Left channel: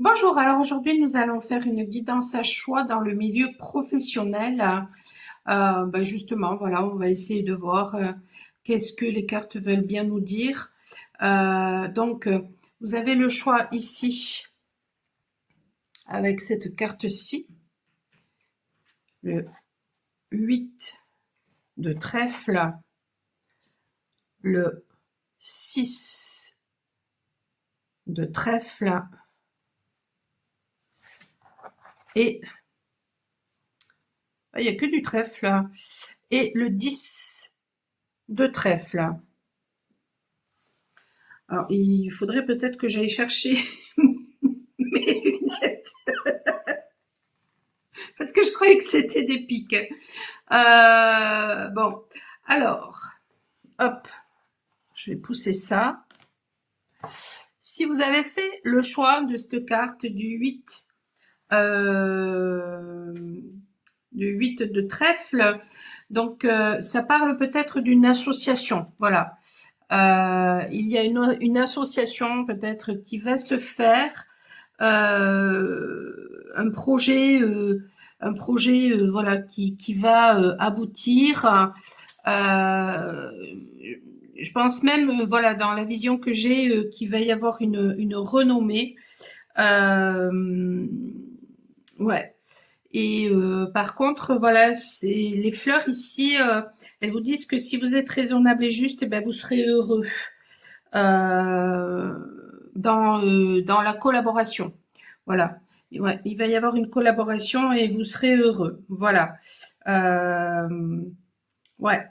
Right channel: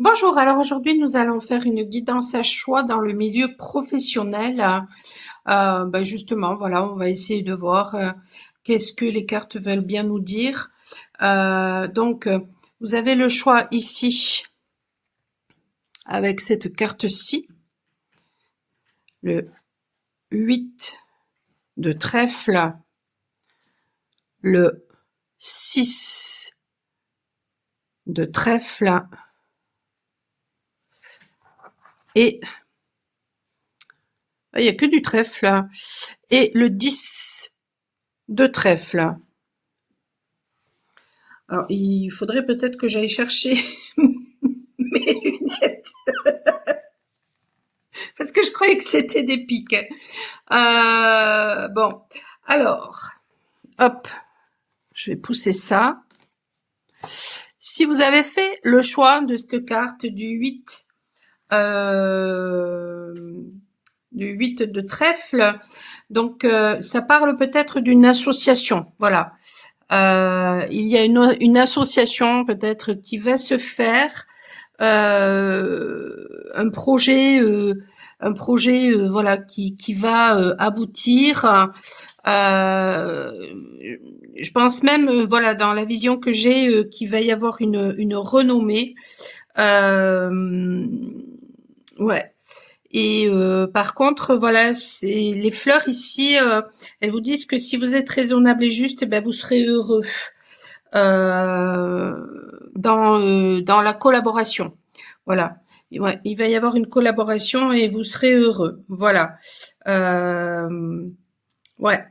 Bonjour, alors aujourd'hui nous allons faire une guidance à choix dans le milieu professionnel. Justement, voilà, on va essayer de voir qu'est-ce que les cartes veulent bien nous dire. Vous avez le choix ici avec cette carte-ci, le 8 de trèfle, le 6 de trèfle et il n'y a que du trèfle et le 10 de trèfle. Alors, il faudrait peut-être que j'aille chercher mes lunettes parce que je croyais que c'était des piques. Bon, alors, hop, je vais pousser ça. Si vous avez fait le choix de cette carte du 8 de trèfle, donc ça parle peut-être d'une association, voilà. Il y a une association peut-être qui va se faire, un projet, voilà, qui va aboutir. Euh, je pense même, voilà, dans la vision que j'ai, qu'il va y avoir une renommée. Euh, ouais. Et par contre, voilà, c'est les fleurs ici, elles vous disent que si vous êtes raisonnable et juste, eh ben vous serez heureux euh, dans la collaboration. Voilà. Ouais, il va y avoir une collaboration et vous serez heureux. Voilà. Ouais.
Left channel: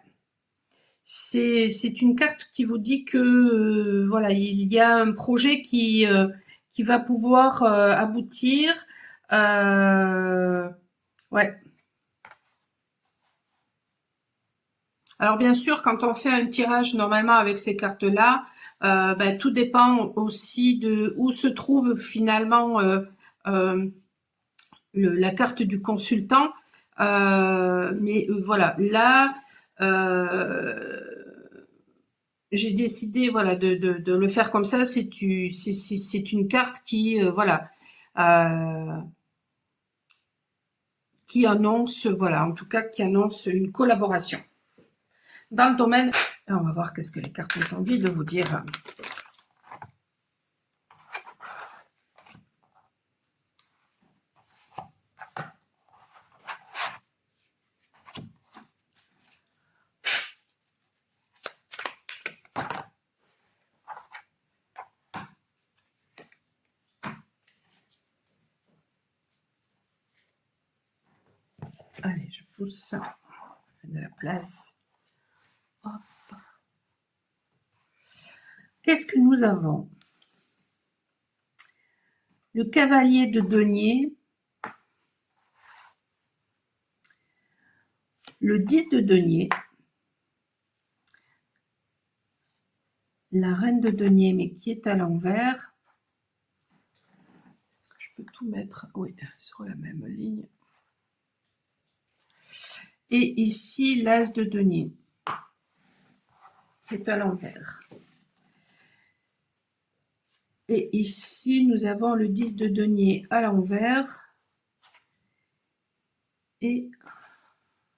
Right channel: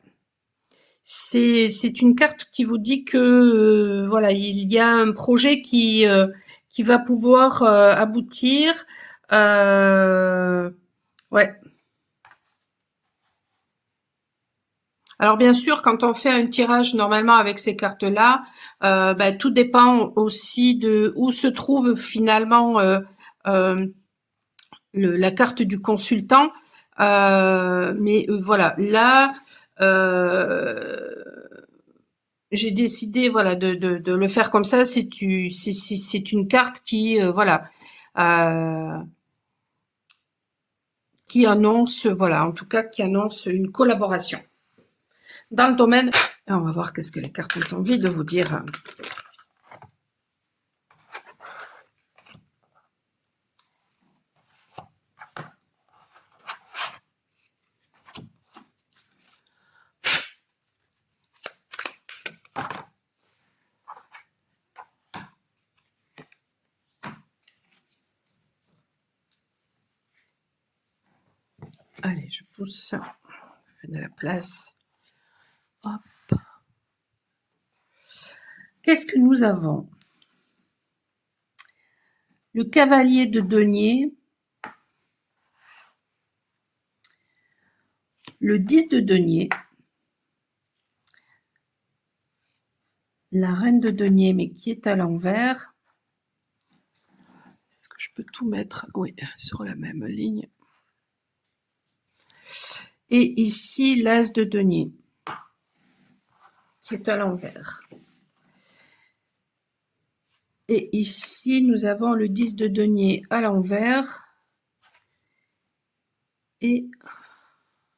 C'est une carte qui vous dit que voilà, il y a un projet qui va pouvoir aboutir. Euh, ouais. Alors bien sûr, quand on fait un tirage normalement avec ces cartes-là, tout dépend aussi de où se trouve finalement euh, la carte du consultant. Voilà, là, euh, j'ai décidé voilà de le faire comme ça. C'est une carte qui voilà euh, qui annonce voilà en tout cas qui annonce une collaboration dans le domaine. On va voir qu'est-ce que les cartes ont envie de vous dire. Allez, je pousse, je fais de la place. Hop. Qu'est-ce que nous avons? Le cavalier de denier, le 10 de denier, la reine de denier, mais qui est à l'envers. Est-ce que je peux tout mettre? Oui, sur la même ligne. Et ici, l'as de denier, qui est à l'envers. Et ici, nous avons le 10 de denier à l'envers. Et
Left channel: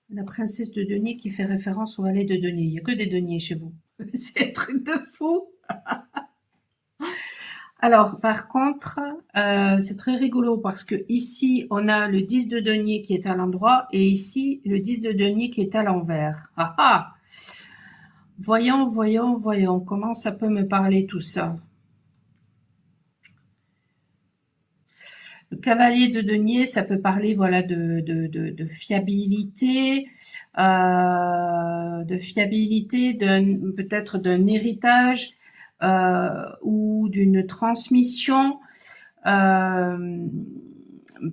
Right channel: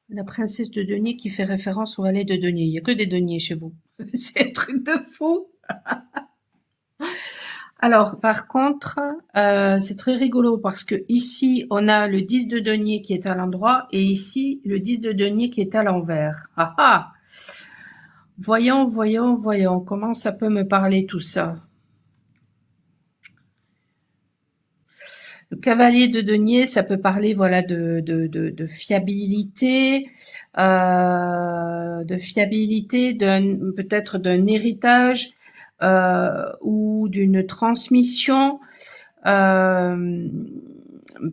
la princesse de denier qui fait référence au valet de denier. Il n'y a que des deniers chez vous. C'est un truc de fou. Alors, par contre, c'est très rigolo parce que ici, on a le 10 de denier qui est à l'endroit et ici, le 10 de denier qui est à l'envers. Ah ah! Voyons, voyons, voyons. Comment ça peut me parler tout ça? Le cavalier de denier, ça peut parler voilà de fiabilité, peut-être d'un héritage ou d'une transmission. Euh,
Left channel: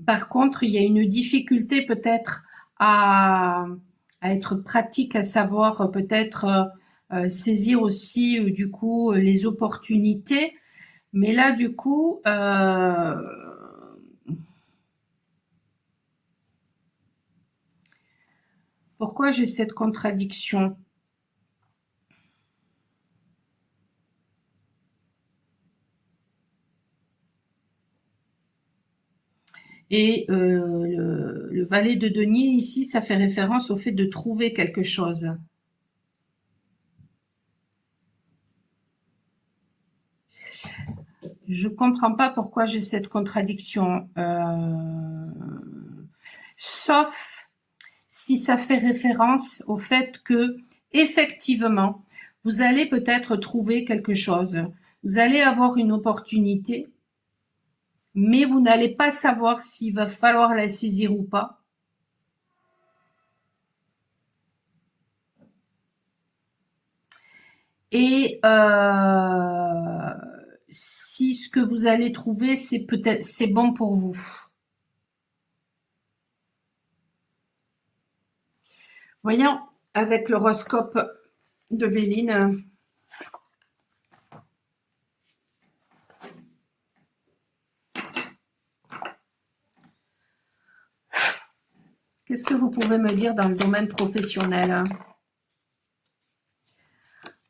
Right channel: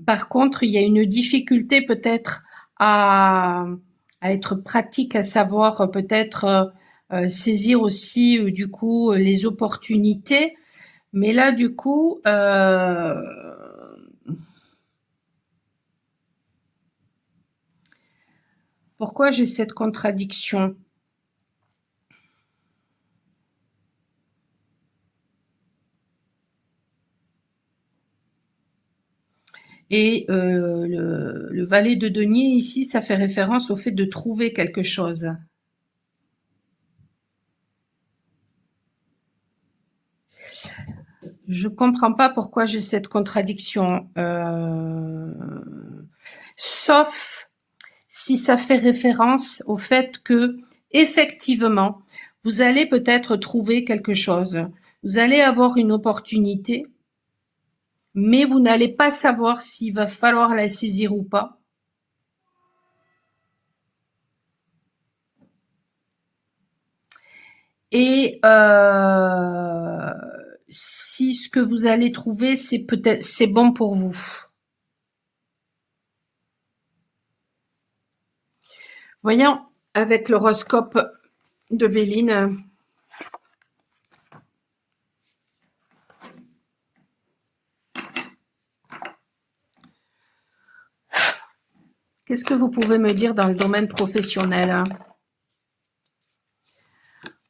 Par contre, il y a une difficulté peut-être à, à être pratique, à savoir peut-être saisir aussi du coup les opportunités. Mais là, du coup, pourquoi j'ai cette contradiction? Et le valet de denier ici, ça fait référence au fait de trouver quelque chose. Je comprends pas pourquoi j'ai cette contradiction. Sauf si ça fait référence au fait que, effectivement, vous allez peut-être trouver quelque chose. Vous allez avoir une opportunité, mais vous n'allez pas savoir s'il va falloir la saisir ou pas. Et si ce que vous allez trouver, c'est bon pour vous. Voyons avec l'horoscope de Béline. Qu'est-ce que vous pouvez me dire dans le domaine professionnel?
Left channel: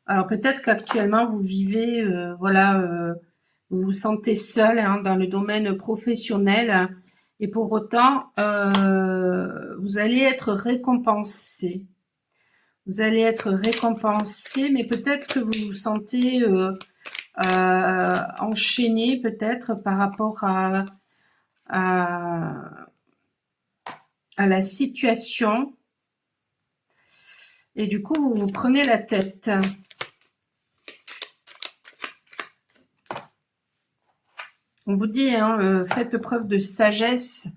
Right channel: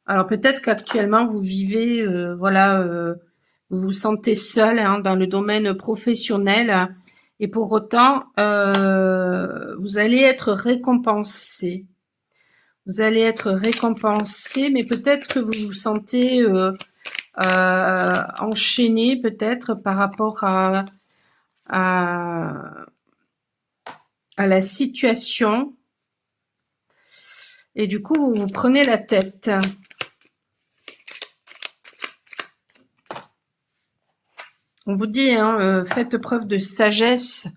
Alors peut-être qu'actuellement vous vivez, voilà, vous vous sentez seul dans le domaine professionnel et pour autant, vous allez être récompensé. Vous allez être récompensé, mais peut-être que vous vous sentez enchaîné peut-être par rapport à, à la situation et du coup vous vous prenez la tête. On vous dit, faites preuve de sagesse.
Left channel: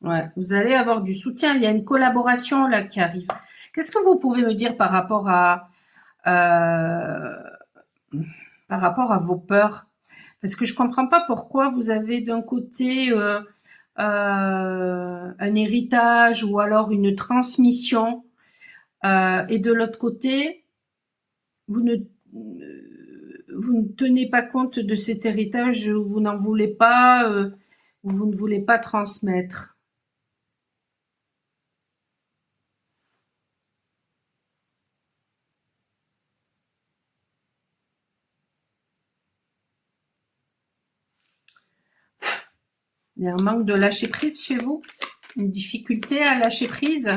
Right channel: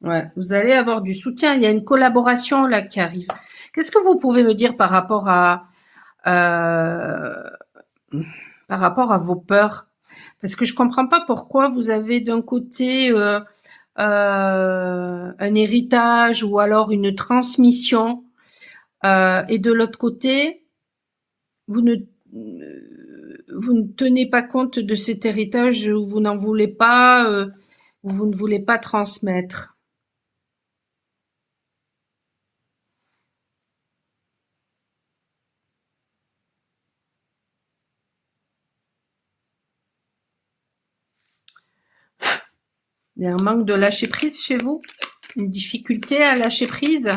Ouais, vous allez avoir du soutien. Il y a une collaboration là qui arrive. Qu'est-ce que vous pouvez me dire par rapport à vos peurs? Parce que je comprends pas pourquoi vous avez d'un côté un héritage ou alors une transmission et de l'autre côté, vous ne, vous ne tenez pas compte de cet héritage, vous n'en voulez pas, vous ne voulez pas transmettre. Il y a un manque de lâcher prise chez vous, une difficulté à lâcher prise.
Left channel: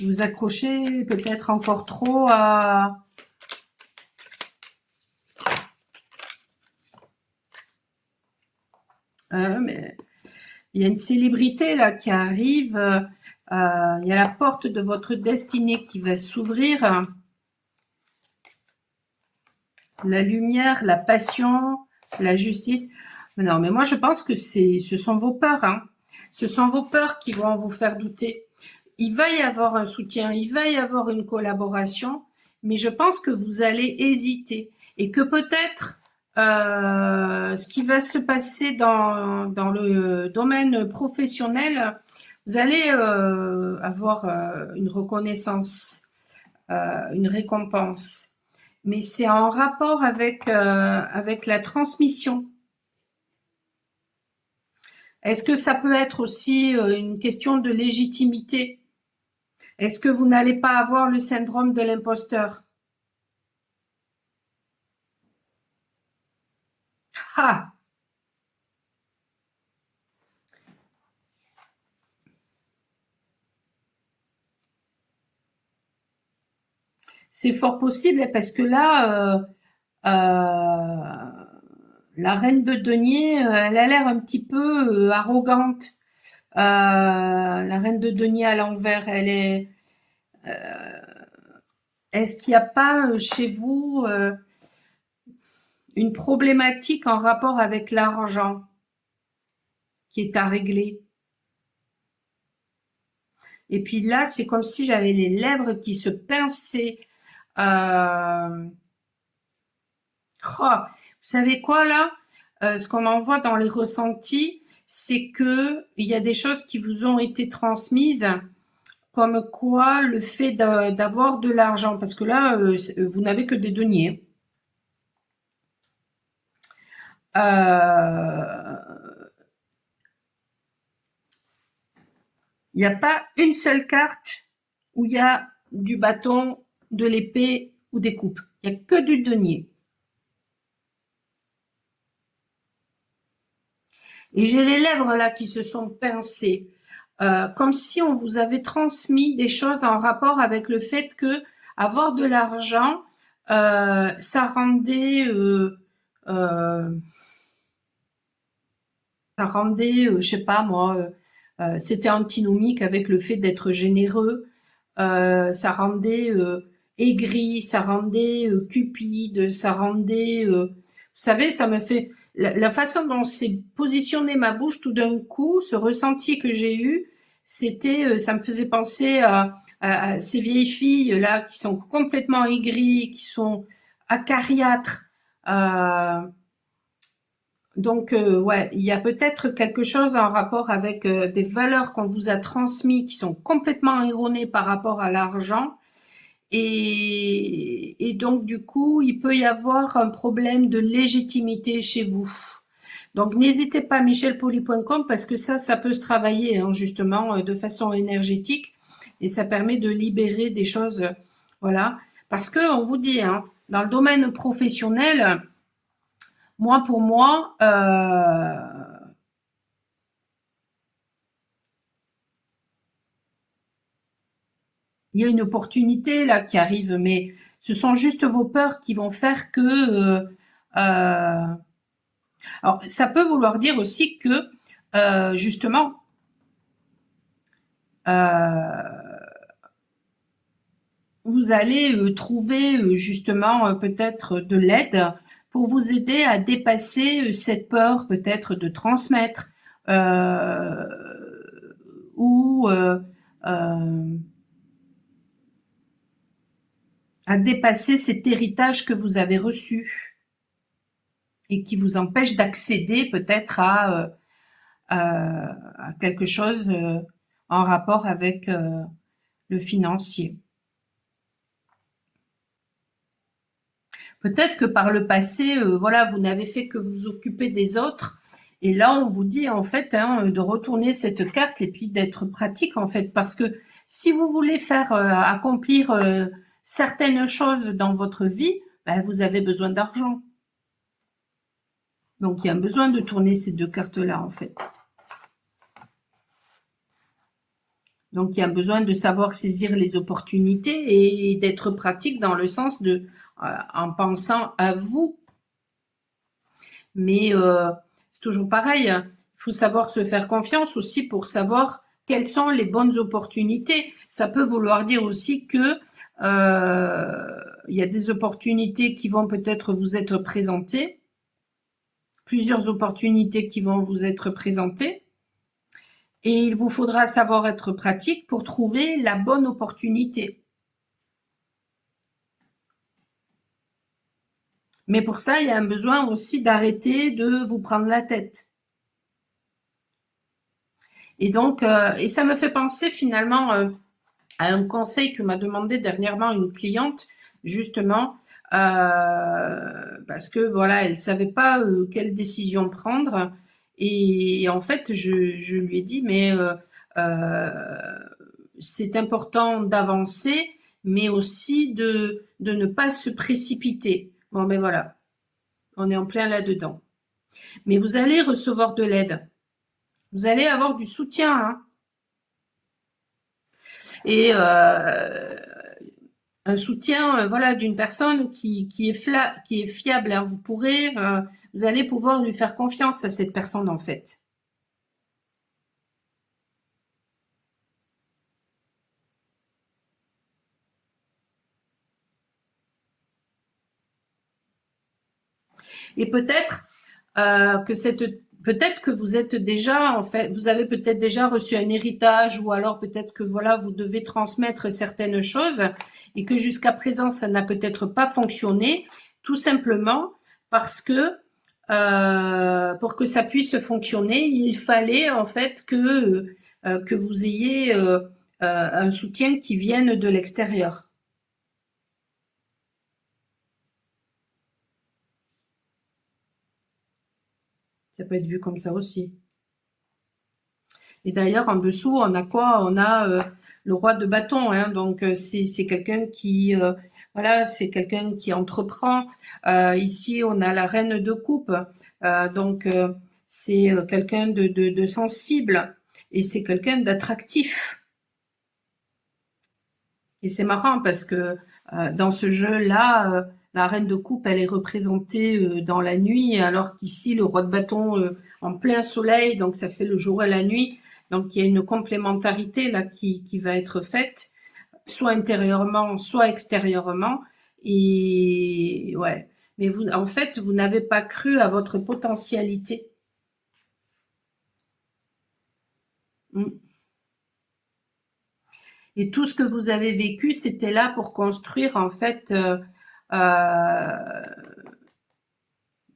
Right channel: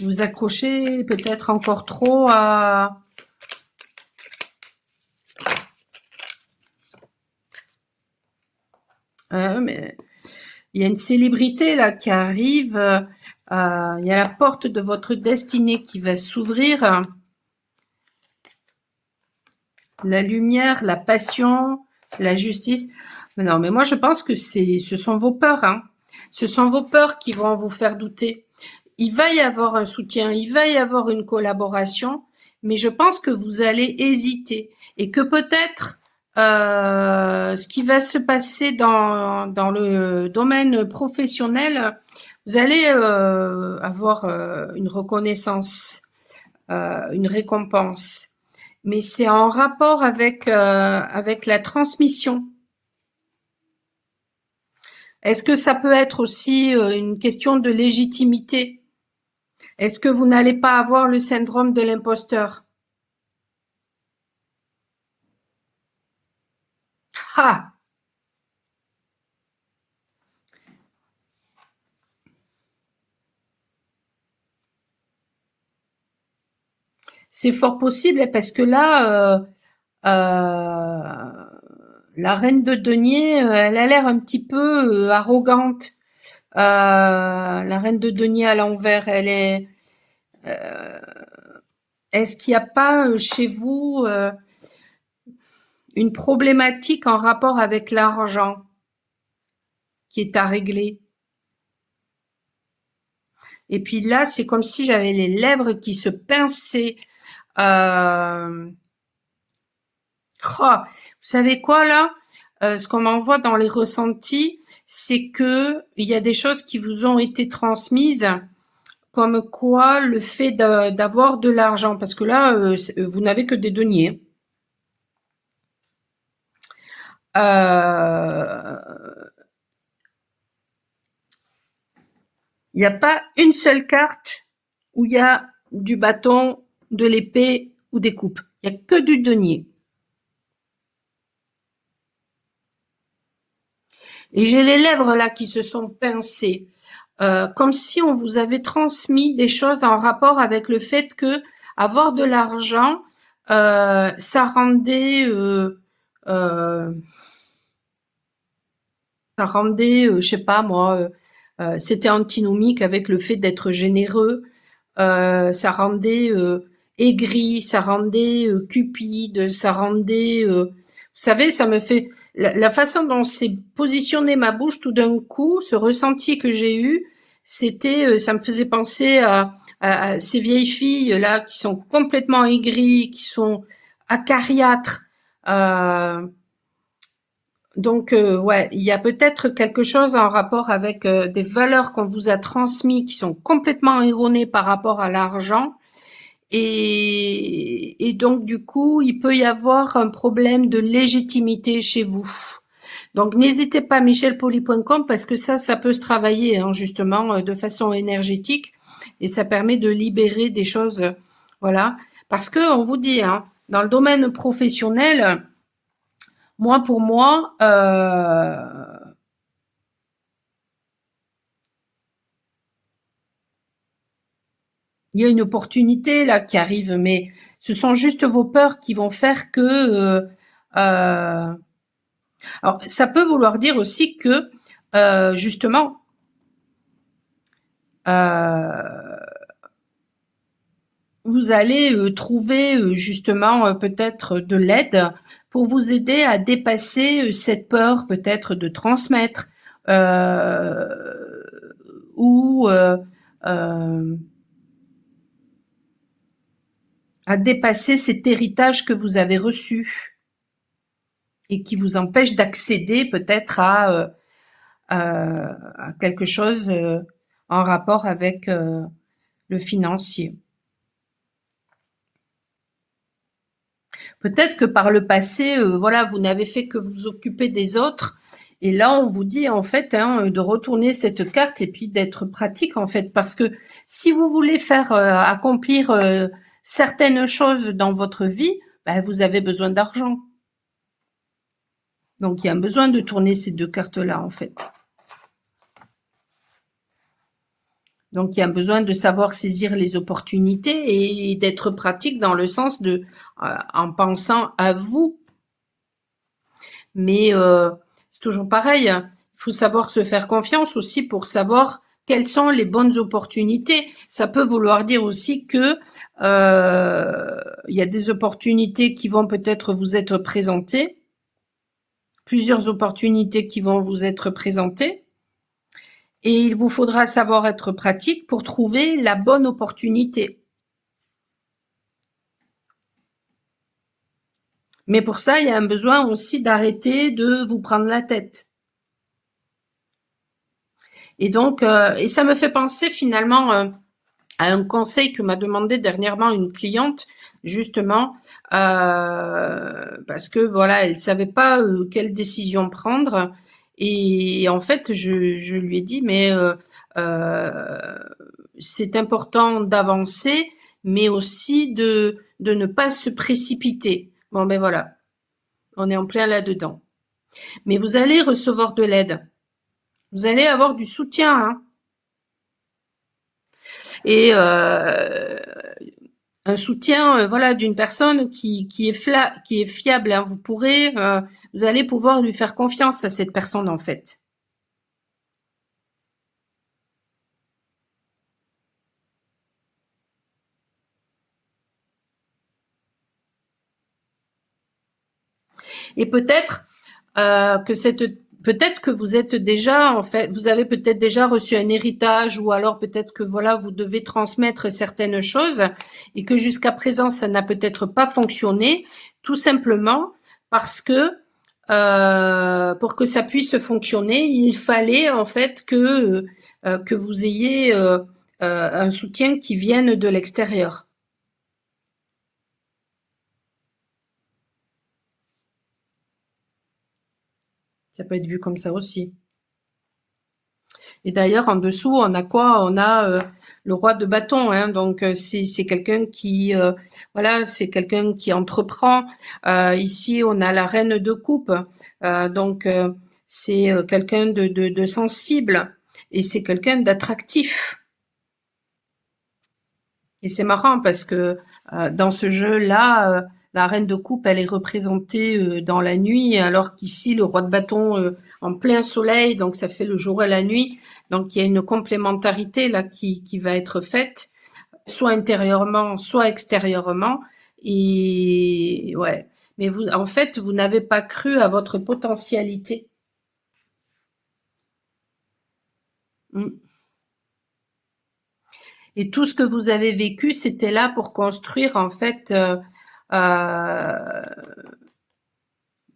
Vous accrochez peut-être encore trop à... mais il y a une célébrité là qui arrive, il y a la porte de votre destinée qui va s'ouvrir. La lumière, la passion, la justice. Mais non, mais moi je pense que ce sont vos peurs. Ce sont vos peurs qui vont vous faire douter. Il va y avoir un soutien, il va y avoir une collaboration, mais je pense que vous allez hésiter et que peut-être ce qui va se passer dans le domaine professionnel, vous allez avoir une reconnaissance, une récompense. Mais c'est en rapport avec la transmission. Est-ce que ça peut être aussi une question de légitimité? Est-ce que vous n'allez pas avoir le syndrome de l'imposteur? Ah! C'est fort possible parce que là, la reine de denier, elle a l'air un petit peu arrogante. La reine de denier à l'envers, elle est. Est-ce qu'il n'y a pas chez vous une problématique en rapport avec l'argent qui est à régler? Et puis là, c'est comme si j'avais les lèvres qui se pinçaient. Euh, oh, vous savez quoi là? Ce qu'on m'envoie dans les ressentis, c'est que il y a des choses qui vous ont été transmises, comme quoi le fait d'avoir de l'argent, parce que là, vous n'avez que des deniers. Il n'y a pas une seule carte où il y a du bâton, de l'épée ou des coupes. Il n'y a que du denier. Et j'ai les lèvres là qui se sont pincées, comme si on vous avait transmis des choses en rapport avec le fait que avoir de l'argent, ça rendait, je sais pas moi, c'était antinomique avec le fait d'être généreux. Ça rendait aigri, ça rendait cupide, ça rendait... vous savez, ça me fait... La façon dont s'est positionnée ma bouche tout d'un coup, ce ressenti que j'ai eu, c'était, ça me faisait penser à ces vieilles filles là qui sont complètement aigries, qui sont acariâtres. Euh, donc, ouais, il y a peut-être quelque chose en rapport avec des valeurs qu'on vous a transmises qui sont complètement erronées par rapport à l'argent. Et donc, du coup, il peut y avoir un problème de légitimité chez vous. Donc, n'hésitez pas, michelpoli.com, parce que ça peut se travailler, hein, justement, de façon énergétique. Et ça permet de libérer des choses, voilà. Parce que, on vous dit, hein, dans le domaine professionnel, moi, pour moi, il y a une opportunité là qui arrive, mais ce sont juste vos peurs qui vont faire que. Alors, ça peut vouloir dire aussi que justement, euh, vous allez trouver justement peut-être de l'aide pour vous aider à dépasser cette peur peut-être de transmettre euh, ou euh, à dépasser cet héritage que vous avez reçu et qui vous empêche d'accéder peut-être à quelque chose en rapport avec le financier. Peut-être que par le passé, voilà, vous n'avez fait que vous occuper des autres. Et là, on vous dit en fait hein, de retourner cette carte et puis d'être pratique en fait, parce que si vous voulez faire accomplir certaines choses dans votre vie, ben, vous avez besoin d'argent. Donc il y a besoin de tourner ces deux cartes-là en fait. Donc il y a besoin de savoir saisir les opportunités et d'être pratique dans le sens de en pensant à vous. Mais c'est toujours pareil, hein. Il faut savoir se faire confiance aussi pour savoir quelles sont les bonnes opportunités. Ça peut vouloir dire aussi que il y a des opportunités qui vont peut-être vous être présentées, plusieurs opportunités qui vont vous être présentées, et il vous faudra savoir être pratique pour trouver la bonne opportunité. Mais pour ça, il y a un besoin aussi d'arrêter de vous prendre la tête. Et donc, et ça me fait penser finalement à un conseil que m'a demandé dernièrement une cliente, justement, parce que voilà, elle savait pas quelle décision prendre. Et en fait, je lui ai dit, mais euh, c'est important d'avancer, mais aussi de ne pas se précipiter. Bon, ben voilà, on est en plein là-dedans. Mais vous allez recevoir de l'aide. Vous allez avoir du soutien, hein. Et un soutien, voilà, d'une personne qui est fiable, hein. Vous allez pouvoir lui faire confiance à cette personne, en fait. Et peut-être que vous êtes déjà, en fait, vous avez peut-être déjà reçu un héritage ou alors peut-être que voilà, vous devez transmettre certaines choses et que jusqu'à présent, ça n'a peut-être pas fonctionné, tout simplement parce que pour que ça puisse fonctionner, il fallait en fait que vous ayez un soutien qui vienne de l'extérieur. Ça peut être vu comme ça aussi. Et d'ailleurs, en dessous, on a quoi? On a le roi de bâton, hein, donc c'est quelqu'un qui, voilà, c'est quelqu'un qui entreprend. Ici, on a la reine de coupe, donc c'est quelqu'un de sensible et c'est quelqu'un d'attractif. Et c'est marrant parce que dans ce jeu-là, la reine de coupe, elle est représentée dans la nuit, alors qu'ici, le roi de bâton en plein soleil, donc ça fait le jour et la nuit. Donc il y a une complémentarité là qui va être faite, soit intérieurement, soit extérieurement. Et ouais, mais vous, en fait, vous n'avez pas cru à votre potentialité. Mm. Et tout ce que vous avez vécu, c'était là pour construire en fait euh,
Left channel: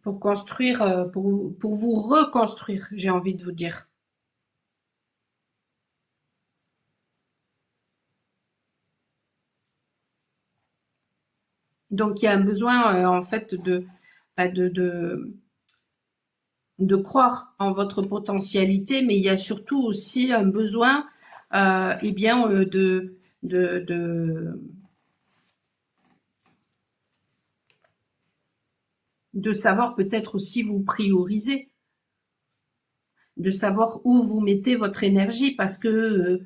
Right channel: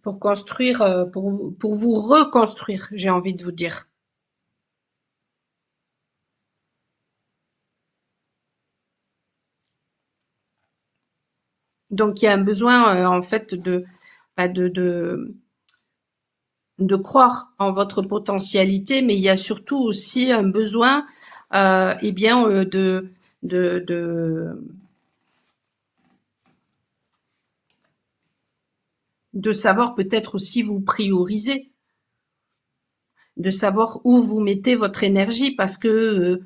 pour construire, pour vous reconstruire, j'ai envie de vous dire. Donc il y a un besoin en fait bah, de croire en votre potentialité, mais il y a surtout aussi un besoin, eh bien, de, de, de savoir peut-être aussi vous prioriser, de savoir où vous mettez votre énergie, parce que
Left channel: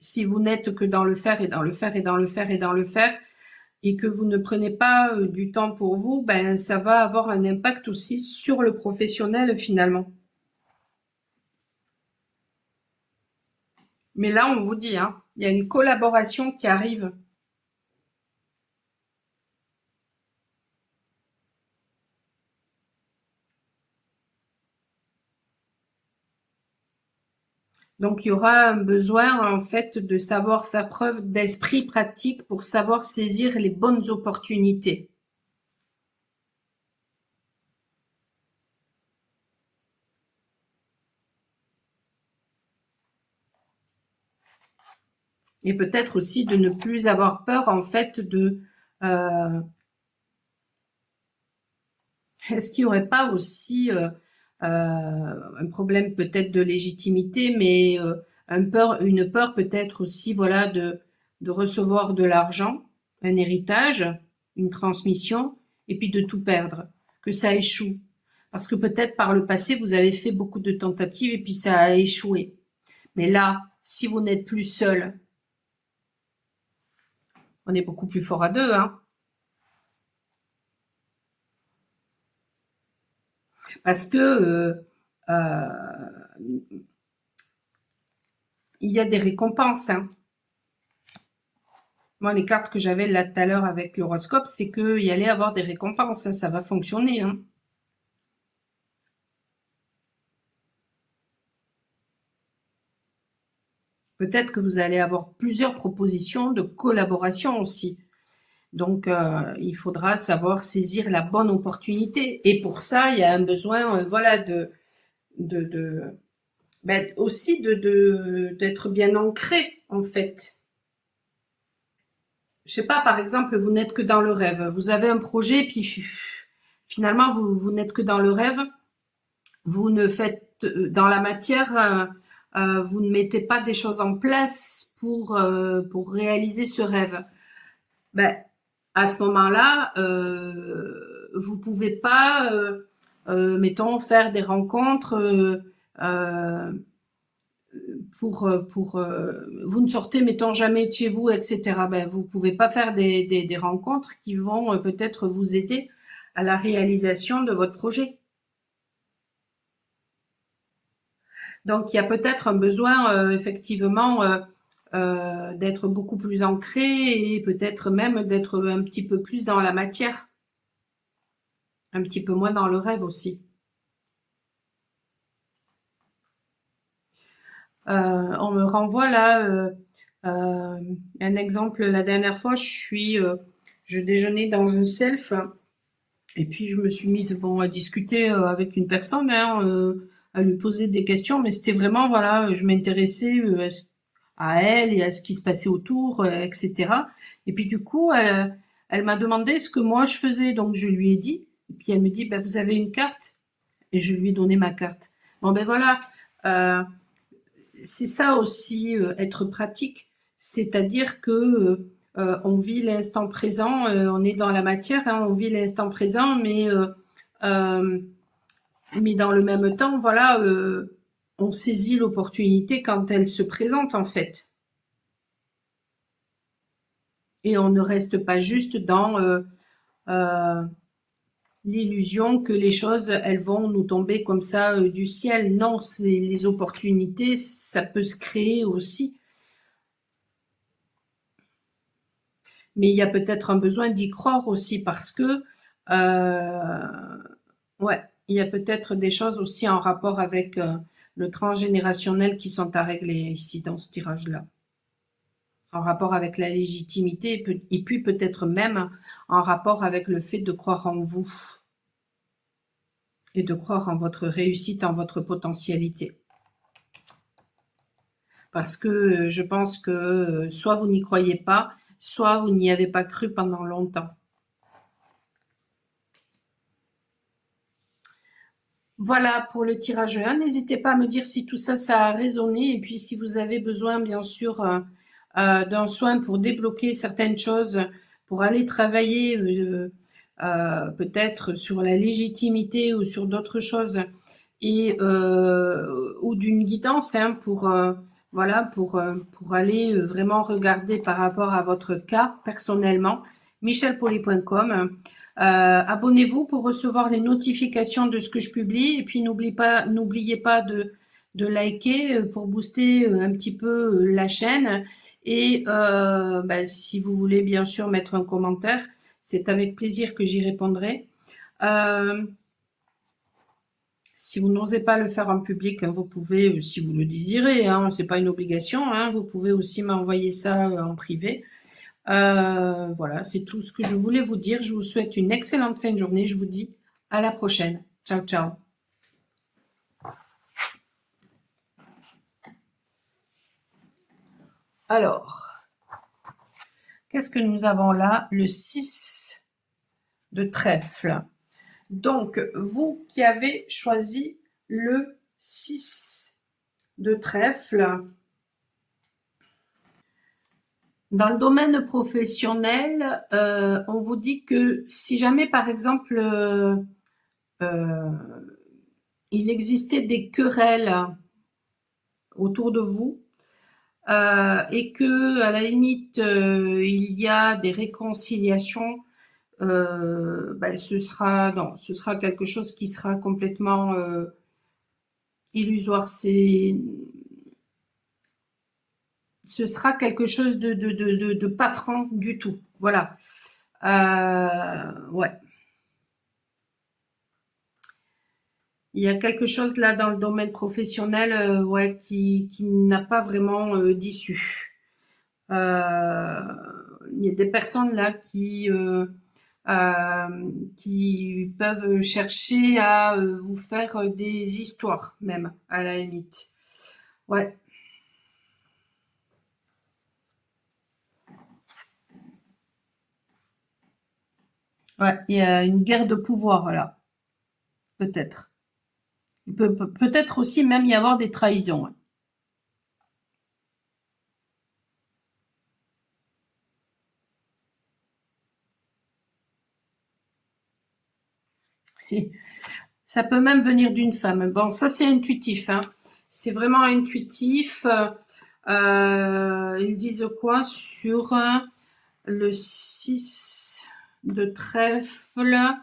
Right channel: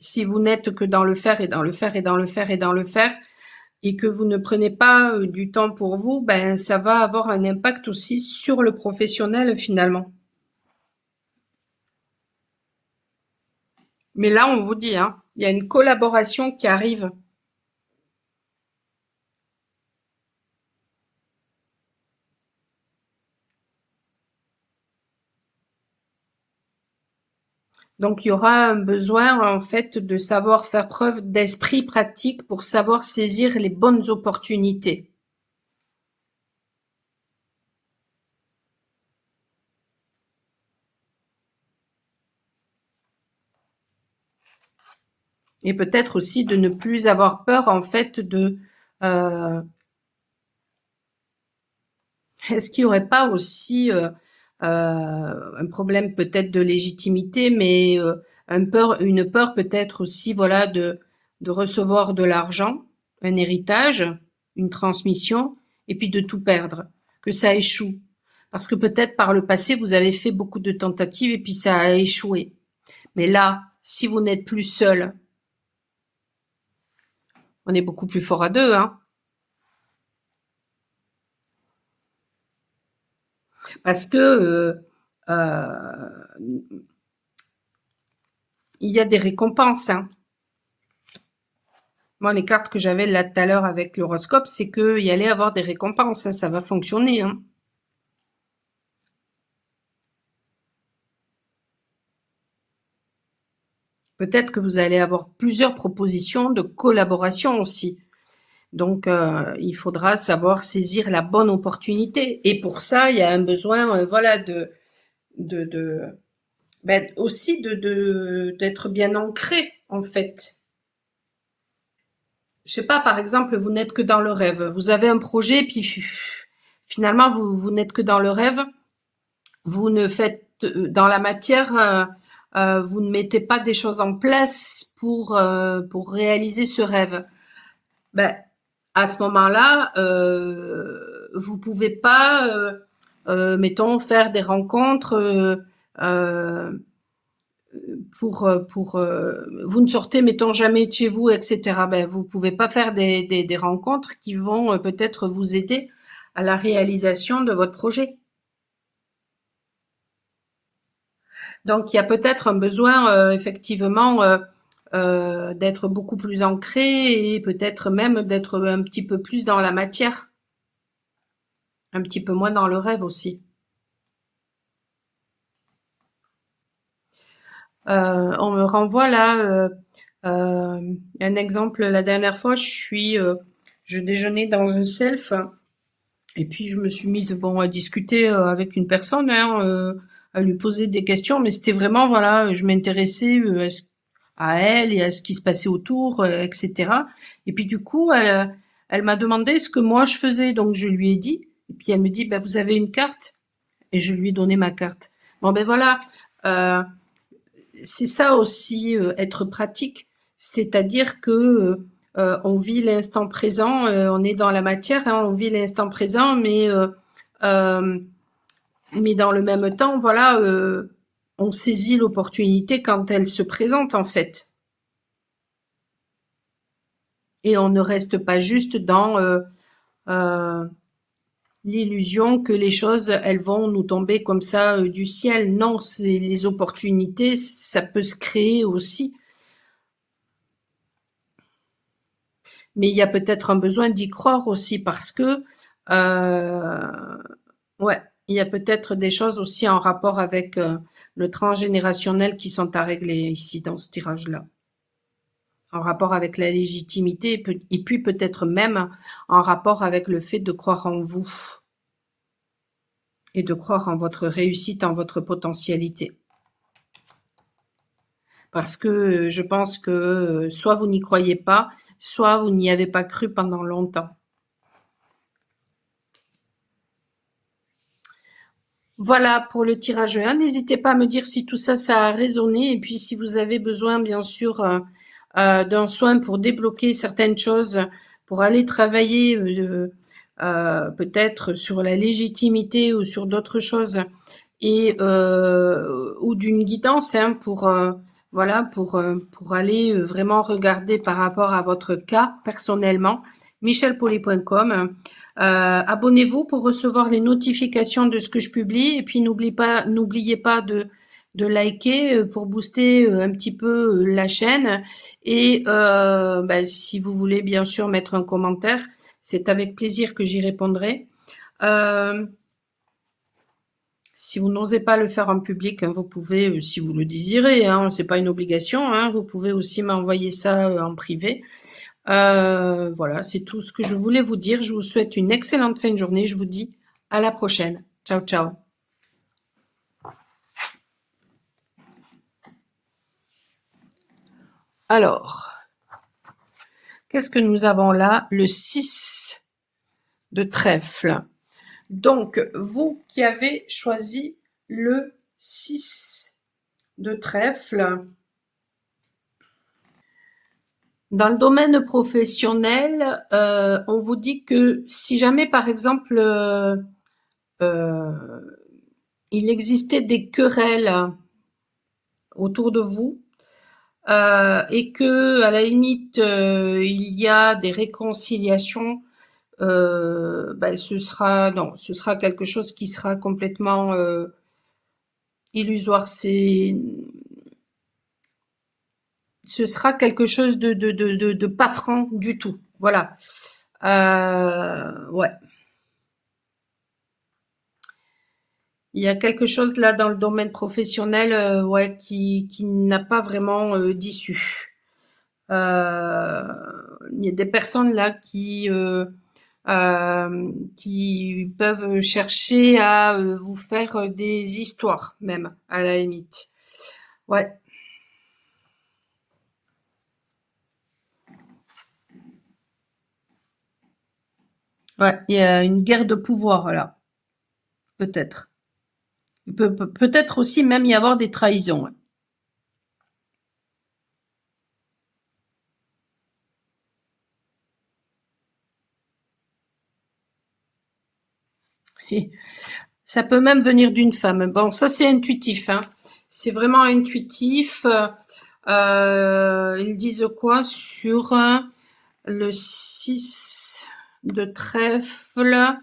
si vous n'êtes que dans le faire et dans le faire et dans le faire et dans le faire, et que vous ne prenez pas du temps pour vous, ben ça va avoir un impact aussi sur le professionnel finalement. Mais là, on vous dit, hein, il y a une collaboration qui arrive. Donc, il y aura un besoin en fait de savoir faire preuve d'esprit pratique pour savoir saisir les bonnes opportunités. Et peut-être aussi de ne plus avoir peur en fait de est-ce qu'il n'y aurait pas aussi un problème peut-être de légitimité, mais une peur peut-être aussi, voilà, de recevoir de l'argent, un héritage, une transmission, et puis de tout perdre, que ça échoue. Parce que peut-être par le passé, vous avez fait beaucoup de tentatives et puis ça a échoué. Mais là, si vous n'êtes plus seul, on est beaucoup plus fort à deux, hein. Parce que il y a des récompenses, hein. Moi, les cartes que j'avais là tout à l'heure avec l'horoscope, c'est qu'il y allait avoir des récompenses, hein, ça va fonctionner, hein. Peut-être que vous allez avoir plusieurs propositions de collaboration aussi. Donc, il faudra savoir saisir la bonne opportunité. Et pour ça, il y a un besoin, voilà, de ben, aussi d'être bien ancré, en fait. Je sais pas, par exemple, vous n'êtes que dans le rêve. Vous avez un projet, puis finalement, vous n'êtes que dans le rêve. Vous ne faites dans la matière, vous ne mettez pas des choses en place pour réaliser ce rêve. Ben, à ce moment-là, vous pouvez pas, mettons, faire des rencontres euh, vous ne sortez, mettons, jamais de chez vous, etc. Ben, vous pouvez pas faire des rencontres qui vont peut-être vous aider à la réalisation de votre projet. Donc, il y a peut-être un besoin, effectivement, d'être beaucoup plus ancré et peut-être même d'être un petit peu plus dans la matière, un petit peu moins dans le rêve aussi. On me renvoie là un exemple. La dernière fois, je déjeunais dans un self et puis je me suis mise bon à discuter avec une personne, hein, à lui poser des questions, mais c'était vraiment voilà, je m'intéressais à elle et à ce qui se passait autour, etc. Et puis du coup, elle m'a demandé ce que moi je faisais, donc je lui ai dit. Et puis elle me dit, bah, vous avez une carte? Et je lui ai donné ma carte. Bon, ben voilà. C'est ça aussi, être pratique. C'est-à-dire que on vit l'instant présent, on est dans la matière, hein, on vit l'instant présent, mais dans le même temps, voilà, on saisit l'opportunité quand elle se présente en fait. Et on ne reste pas juste dans l'illusion que les choses, elles vont nous tomber comme ça du ciel. Non, c'est les opportunités, ça peut se créer aussi. Mais il y a peut-être un besoin d'y croire aussi parce que, ouais, il y a peut-être des choses aussi en rapport avec le transgénérationnel qui sont à régler ici dans ce tirage-là. En rapport avec la légitimité et puis peut-être même en rapport avec le fait de croire en vous et de croire en votre réussite, en votre potentialité. Parce que je pense que soit vous n'y croyez pas, soit vous n'y avez pas cru pendant longtemps. Voilà pour le tirage 1. N'hésitez pas à me dire si tout ça, ça a résonné. Et puis si vous avez besoin, bien sûr, d'un soin pour débloquer certaines choses, pour aller travailler peut-être sur la légitimité ou sur d'autres choses, et ou d'une guidance hein, voilà, pour aller vraiment regarder par rapport à votre cas personnellement, michelpoli.com. Abonnez-vous pour recevoir les notifications de ce que je publie et puis n'oubliez pas de liker pour booster un petit peu la chaîne et si vous voulez bien sûr mettre un commentaire, c'est avec plaisir que j'y répondrai. Si vous n'osez pas le faire en public, hein, vous pouvez, si vous le désirez, hein, c'est pas une obligation, hein, vous pouvez aussi m'envoyer ça en privé. Voilà, c'est tout ce que je voulais vous dire. Je vous souhaite une excellente fin de journée. Je vous dis à la prochaine. Ciao, ciao. Alors, qu'est-ce que nous avons là? Le 6 de trèfle. Donc, vous qui avez choisi le 6 de trèfle, dans le domaine professionnel, on vous dit que si jamais, par exemple, il existait des querelles autour de vous et que, à la limite, il y a des réconciliations, ce sera quelque chose qui sera complètement illusoire. Ce sera quelque chose de pas franc du tout. Voilà. Ouais. Il y a quelque chose là dans le domaine professionnel ouais, qui n'a pas vraiment d'issue. Il y a des personnes là qui peuvent chercher à vous faire des histoires même, à la limite. Ouais. Ouais, il y a une guerre de pouvoir là, peut-être. Il peut-être aussi même y avoir des trahisons. Et ça peut même venir d'une femme. Bon, ça c'est intuitif, hein. C'est vraiment intuitif. Ils disent quoi sur le 6 de trèfle,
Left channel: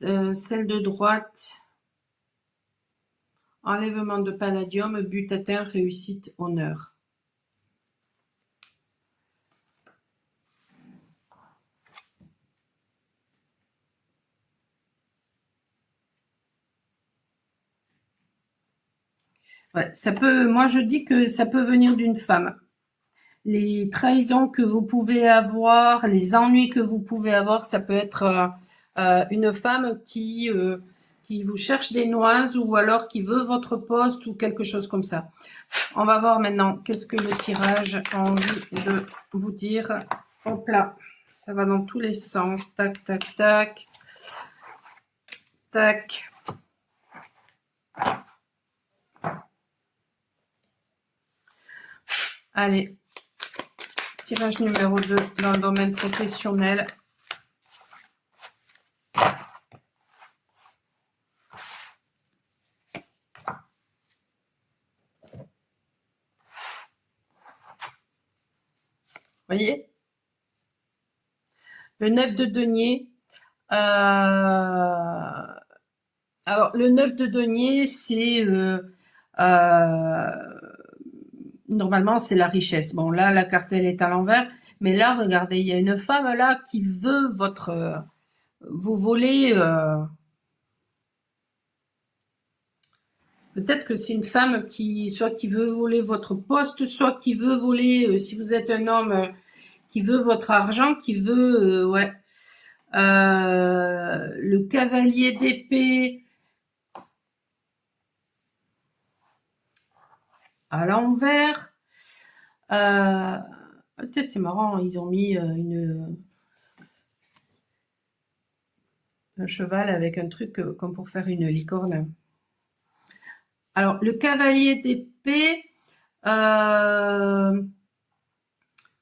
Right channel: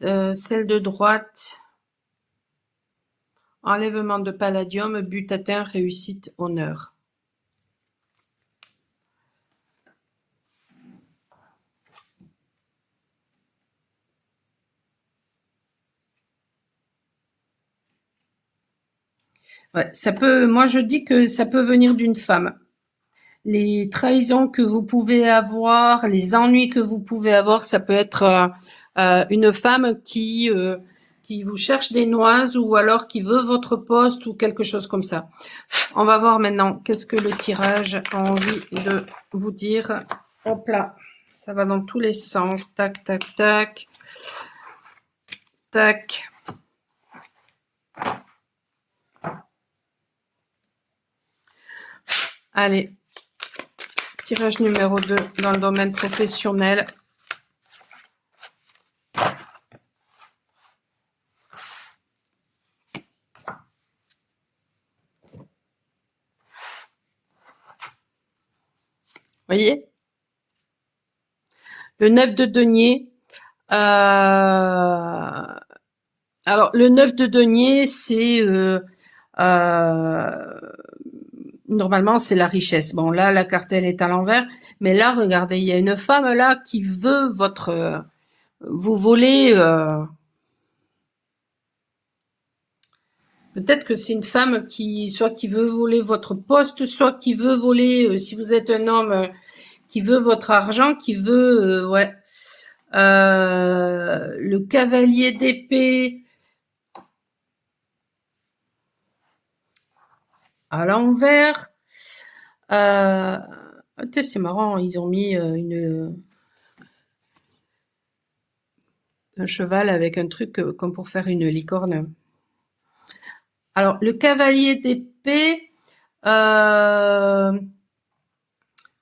celle de droite, enlèvement de palladium, but atteint, réussite, honneur. Ouais, ça peut, moi je dis que ça peut venir d'une femme. Les trahisons que vous pouvez avoir, les ennuis que vous pouvez avoir, ça peut être une femme qui vous cherche des noises ou alors qui veut votre poste ou quelque chose comme ça. On va voir maintenant qu'est-ce que le tirage a envie de vous dire. Hop là, ça va dans tous les sens. Tac, tac, tac. Tac. Allez, tirage numéro 2 dans le domaine professionnel. Voyez? Le 9 de denier. Alors, le 9 de denier, c'est... normalement, c'est la richesse. Bon, là, la carte, elle est à l'envers. Mais là, regardez, il y a une femme là qui veut votre... vous voler... peut-être que c'est une femme qui... soit qui veut voler votre poste, soit qui veut voler... si vous êtes un homme... qui veut votre argent, qui veut... ouais. Le cavalier d'épée... à l'envers. C'est marrant, ils ont mis un cheval avec un truc comme pour faire une licorne. Alors, le cavalier d'épée,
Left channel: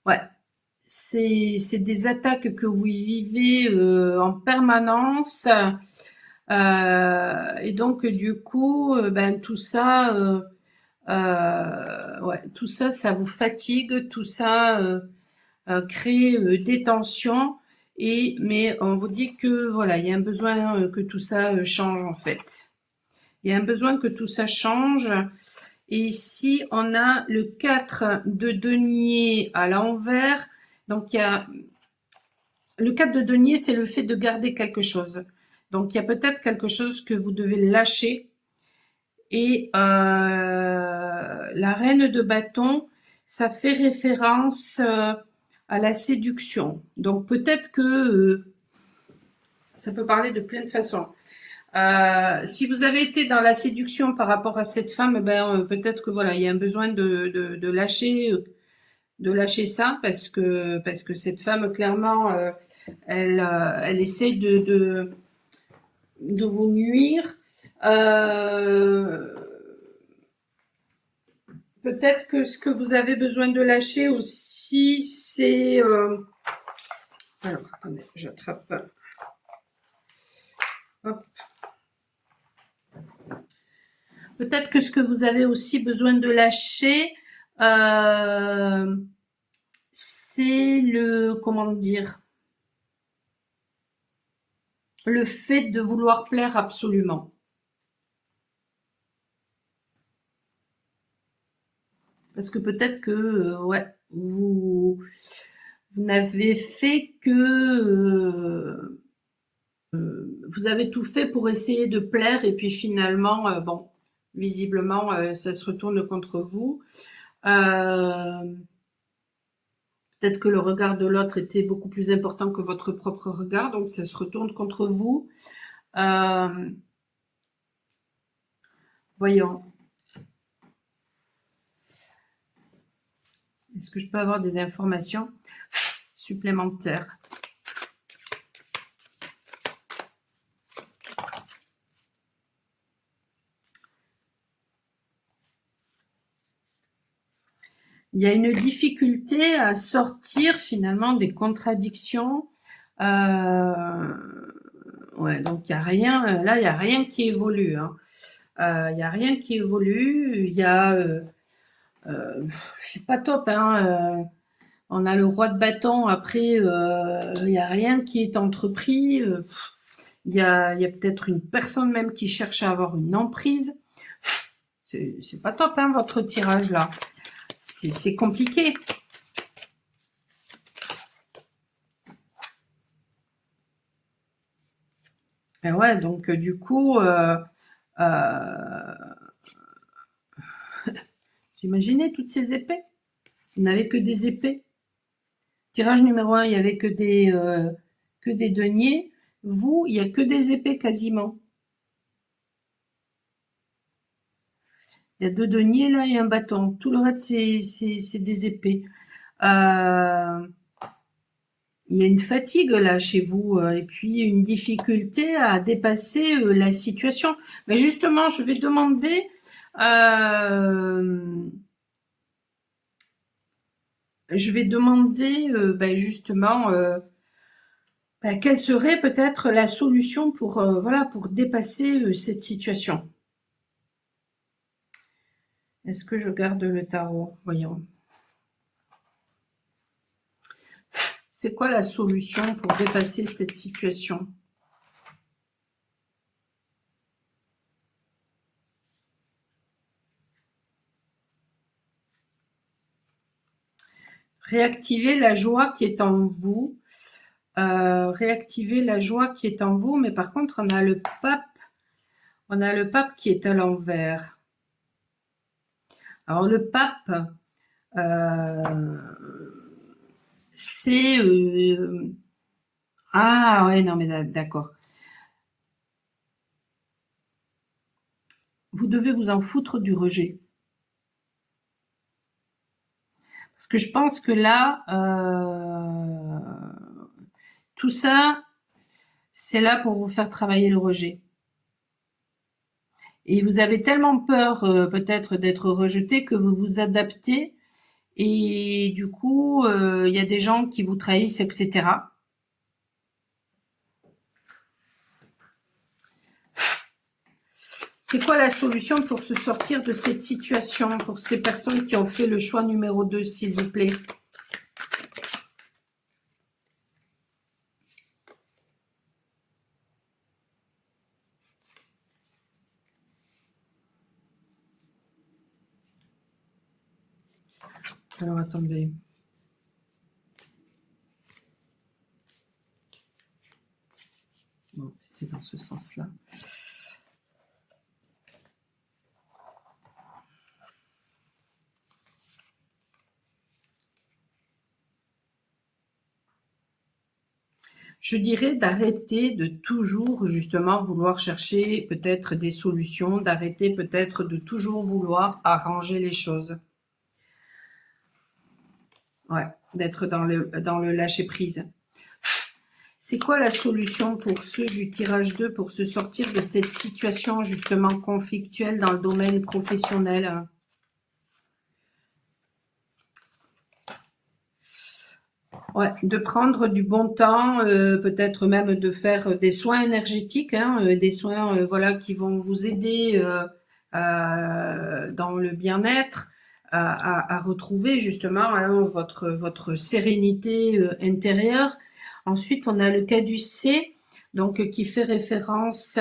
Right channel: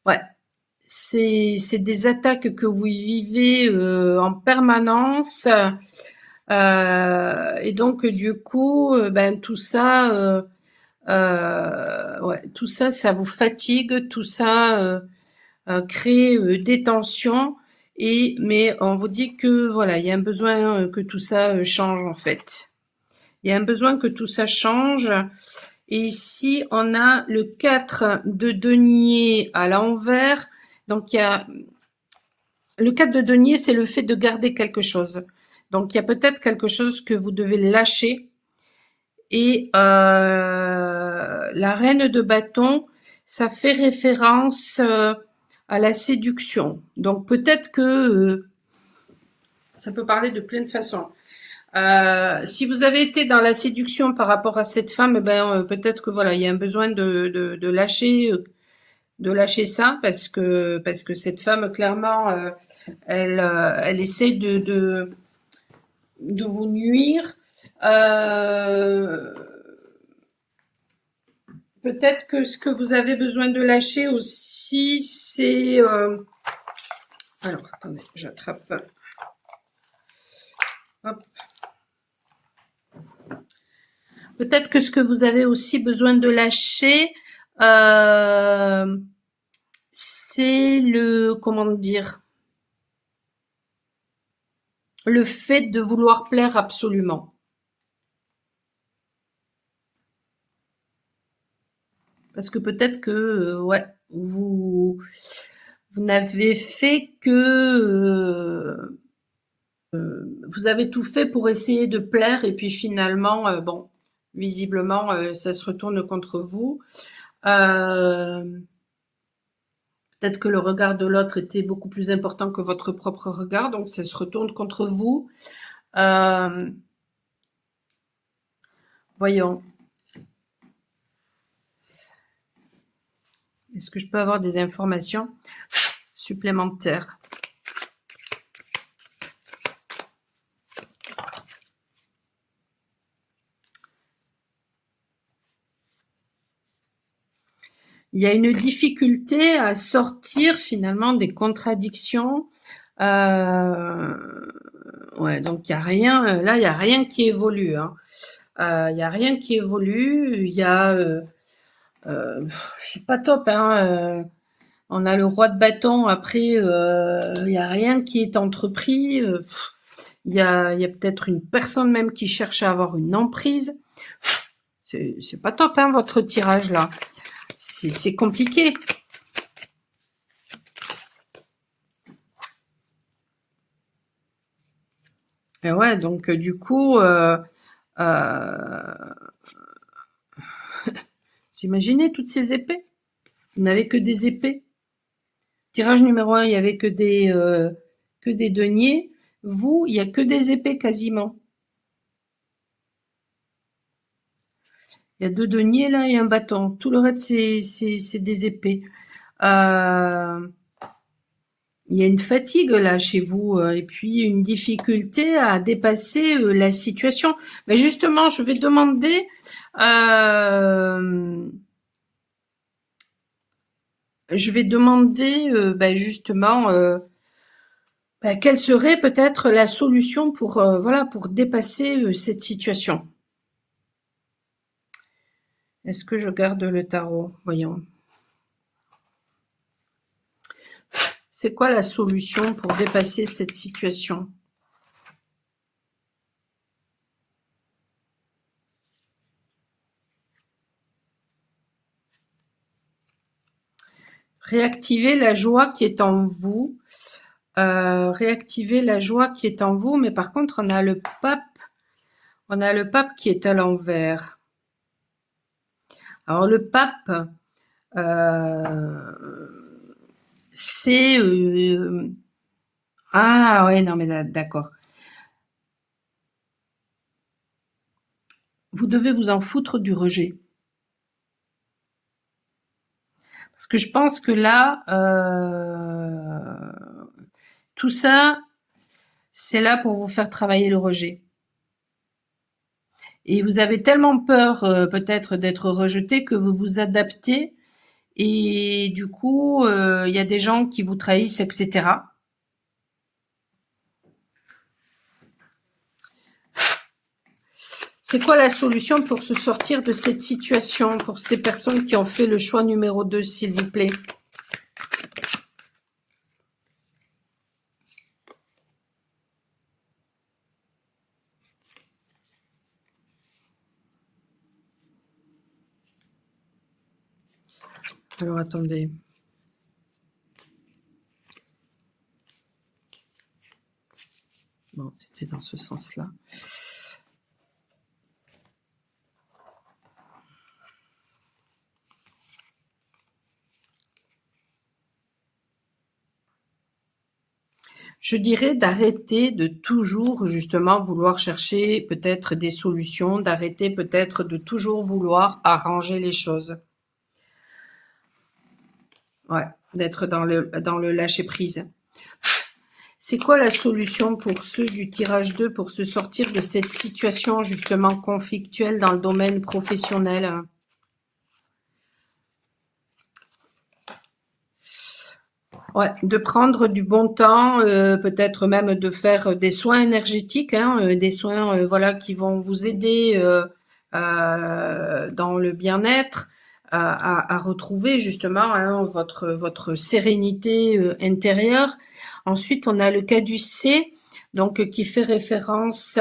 ouais, c'est des attaques que vous vivez en permanence. Et donc, du coup, ben, tout ça... ouais, tout ça, ça vous fatigue, tout ça crée des tensions. Mais on vous dit que voilà, il y a un besoin que tout ça change en fait. Il y a un besoin que tout ça change. Et ici, on a le 4 de denier à l'envers. Donc, il y a le 4 de denier, c'est le fait de garder quelque chose. Donc, il y a peut-être quelque chose que vous devez lâcher. Et la reine de bâton, ça fait référence à la séduction. Donc peut-être que ça peut parler de plein de façons. Si vous avez été dans la séduction par rapport à cette femme, ben peut-être que voilà, il y a un besoin de lâcher ça parce que cette femme clairement elle essaie de vous nuire. Peut-être que ce que vous avez besoin de lâcher aussi, c'est... alors, attendez, j'attrape. Hop. Peut-être que ce que vous avez aussi besoin de lâcher, c'est le... comment dire? Le fait de vouloir plaire absolument. Parce que peut-être que, ouais, vous n'avez fait que... vous avez tout fait pour essayer de plaire et puis finalement, bon, visiblement, ça se retourne contre vous. Peut-être que le regard de l'autre était beaucoup plus important que votre propre regard, donc ça se retourne contre vous. Voyons. Est-ce que je peux avoir des informations supplémentaires? Il y a une difficulté à sortir finalement des contradictions. Ouais, donc il n'y a rien, là, il n'y a rien qui évolue. Hein. Il n'y a rien qui évolue. Il y a... c'est pas top. Hein. On a le roi de bâton. Après, il n'y a rien qui est entrepris. Il y a peut-être une personne même qui cherche à avoir une emprise. C'est pas top, hein, votre tirage là. C'est compliqué. Et ouais, donc du coup, vous imaginez toutes ces épées? Vous n'avez que des épées. Tirage numéro 1, il n'y avait que des deniers. Vous, il n'y a que des épées quasiment. Il y a 2 deniers là et un bâton. Tout le reste, c'est des épées. Il y a une fatigue là chez vous et puis une difficulté à dépasser la situation. Mais justement, je vais demander je vais demander justement quelle serait peut-être la solution pour voilà pour dépasser cette situation. Est-ce que je garde le tarot? Voyons. C'est quoi la solution pour dépasser cette situation? Réactiver la joie qui est en vous. Réactiver la joie qui est en vous, mais par contre, on a le pape qui est à l'envers. Alors, le pape, c'est... ah, ouais, non, mais d'accord. Vous devez vous en foutre du rejet. Parce que je pense que là, tout ça, c'est là pour vous faire travailler le rejet. Et vous avez tellement peur peut-être d'être rejeté que vous vous adaptez et du coup, il y a des gens qui vous trahissent, etc. C'est quoi la solution pour se sortir de cette situation pour ces personnes qui ont fait le choix numéro 2, s'il vous plaît? Alors, attendez. Bon, c'était dans ce sens-là. Je dirais d'arrêter de toujours justement vouloir chercher peut-être des solutions, d'arrêter peut-être de toujours vouloir arranger les choses. Ouais, d'être dans le lâcher-prise. C'est quoi la solution pour ceux du tirage 2 pour se sortir de cette situation justement conflictuelle dans le domaine professionnel? Ouais, de prendre du bon temps, peut-être même de faire des soins énergétiques, hein, des soins voilà, qui vont vous aider dans le bien-être, à retrouver justement hein, votre sérénité intérieure. Ensuite, on a le caducée, donc qui fait référence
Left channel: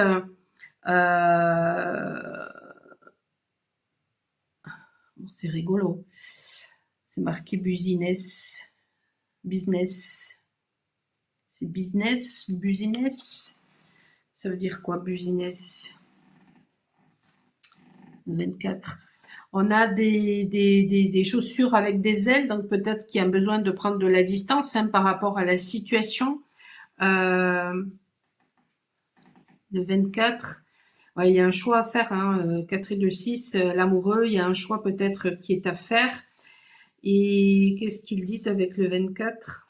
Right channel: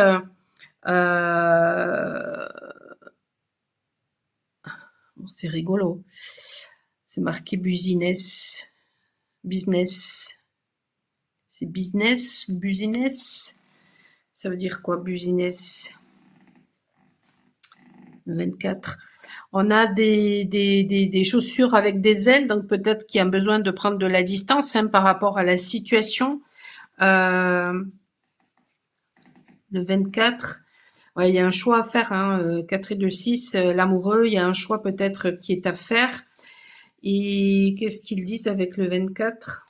c'est rigolo, c'est marqué business. Business. C'est business, business. Ça veut dire quoi, business? 24. On a des chaussures avec des ailes, donc peut-être qu'il y a besoin de prendre de la distance hein, par rapport à la situation. Le 24. Ouais, il y a un choix à faire. Hein, 4 et 2, 6, l'amoureux, il y a un choix peut-être qui est à faire. Et qu'est-ce qu'ils disent avec le 24?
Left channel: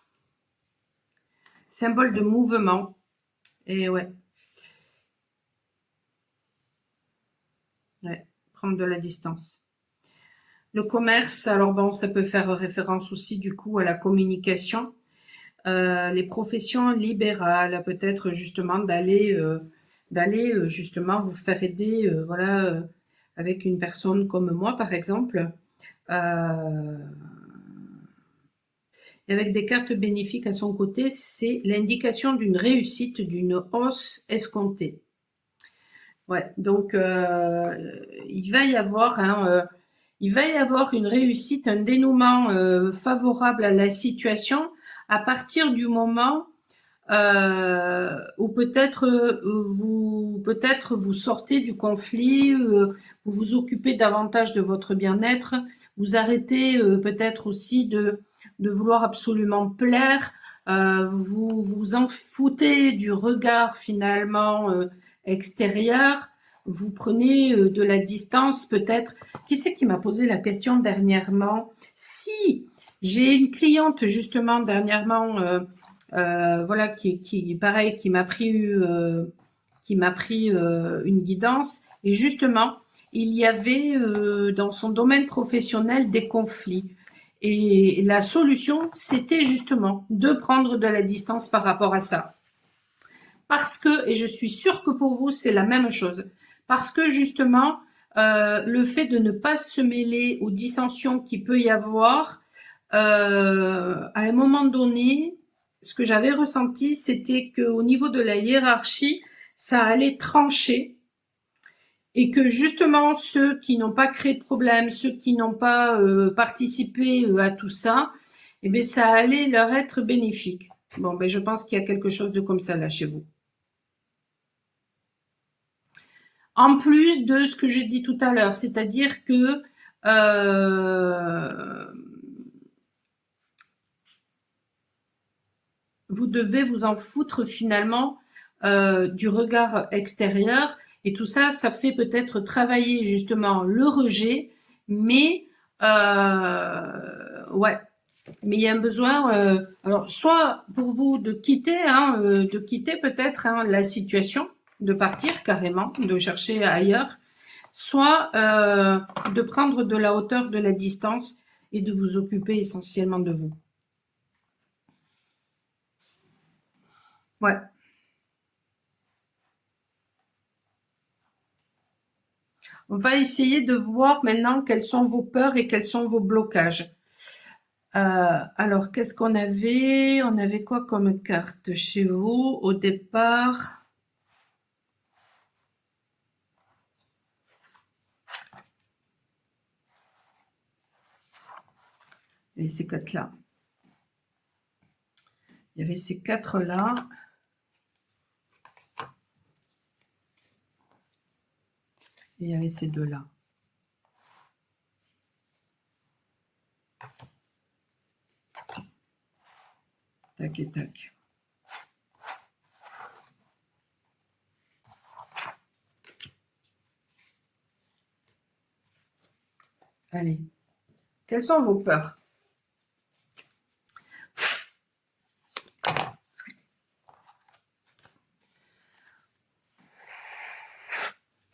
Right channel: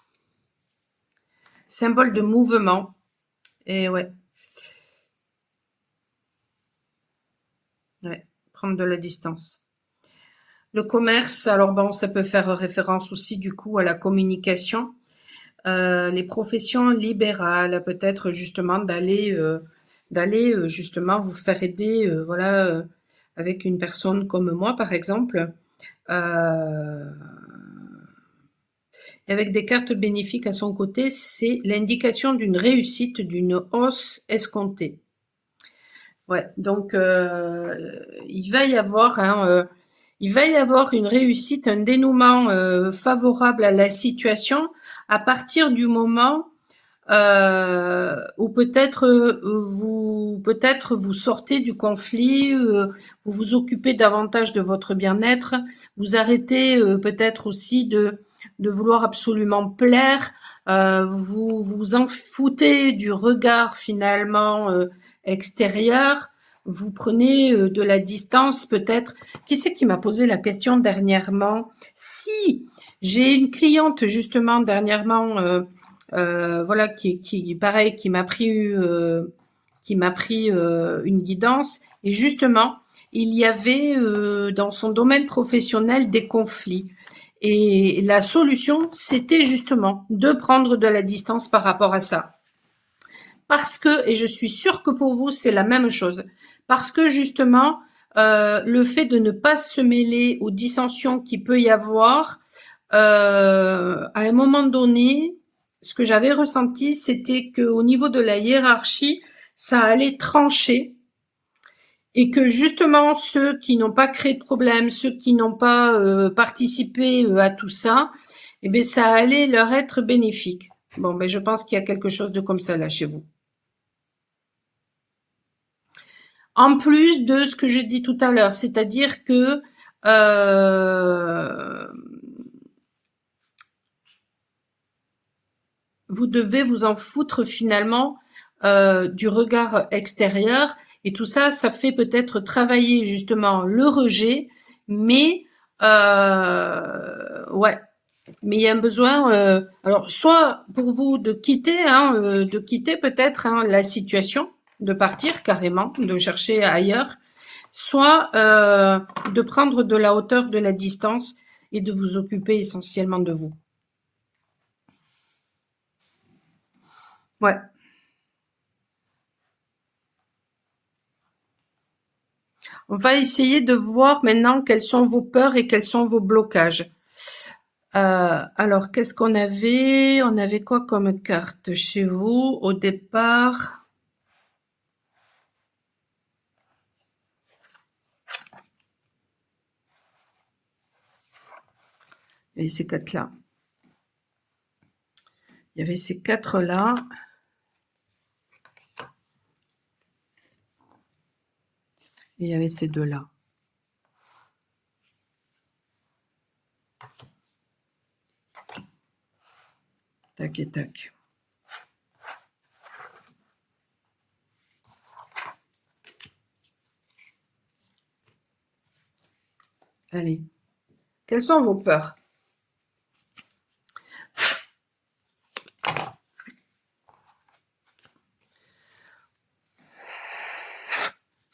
Symbole de mouvement. Et ouais. Ouais, prendre de la distance. Le commerce, alors bon, ça peut faire référence aussi du coup à la communication. Les professions libérales, peut-être justement d'aller justement vous faire aider, voilà, avec une personne comme moi par exemple, avec des cartes bénéfiques à son côté, c'est l'indication d'une réussite, d'une hausse escomptée. Ouais, donc il va y avoir une réussite, un dénouement favorable à la situation à partir du moment où peut-être vous sortez du conflit, vous vous occupez davantage de votre bien-être, vous arrêtez peut-être aussi de vouloir absolument plaire, vous vous en foutez du regard finalement extérieur, vous prenez de la distance peut-être. Qui c'est qui m'a posé la question dernièrement? Si j'ai une cliente justement dernièrement, voilà, pareil, qui m'a pris une guidance. Et justement, il y avait dans son domaine professionnel des conflits. Et la solution, c'était justement de prendre de la distance par rapport à ça. Parce que, et je suis sûre que pour vous, c'est la même chose, parce que justement, le fait de ne pas se mêler aux dissensions qu'il peut y avoir, à un moment donné, ce que j'avais ressenti, c'était qu'au niveau de la hiérarchie, ça allait trancher et que justement ceux qui n'ont pas créé de problème, ceux qui n'ont pas participé à tout ça, eh bien, ça allait leur être bénéfique. Bon, ben, je pense qu'il y a quelque chose de comme ça là chez vous. En plus de ce que j'ai dit tout à l'heure, c'est-à-dire que vous devez vous en foutre finalement du regard extérieur. Et tout ça, ça fait peut-être travailler justement le rejet, mais ouais. Mais il y a un besoin, alors soit pour vous de quitter peut-être la situation, de partir carrément, de chercher ailleurs, soit de prendre de la hauteur, de la distance et de vous occuper essentiellement de vous. Ouais. On va essayer de voir maintenant quelles sont vos peurs et quels sont vos blocages. Alors, qu'est-ce qu'on avait? On avait quoi comme carte chez vous au départ? Et ces quatre-là. Il y avait ces quatre-là. Et il y avait ces deux-là. Tac et tac. Allez. Quelles sont vos peurs?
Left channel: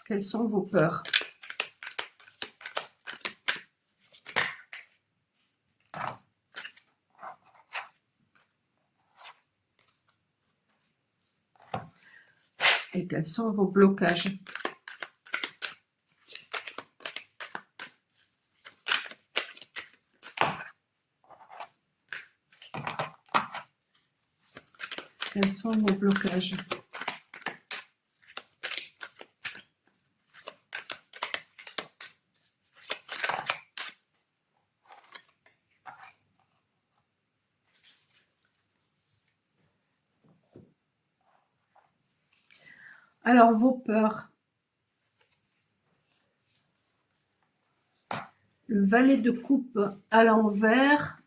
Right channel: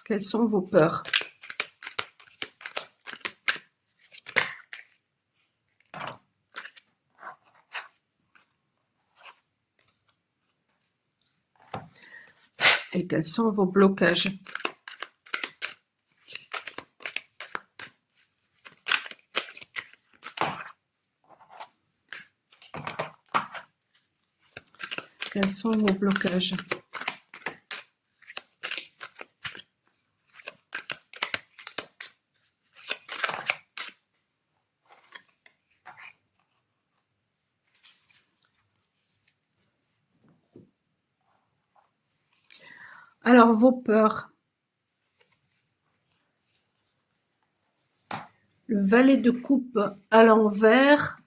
Quelles sont vos peurs? Et quels sont vos blocages? Quels sont vos blocages? Alors, vos peurs. Le valet de coupe à l'envers.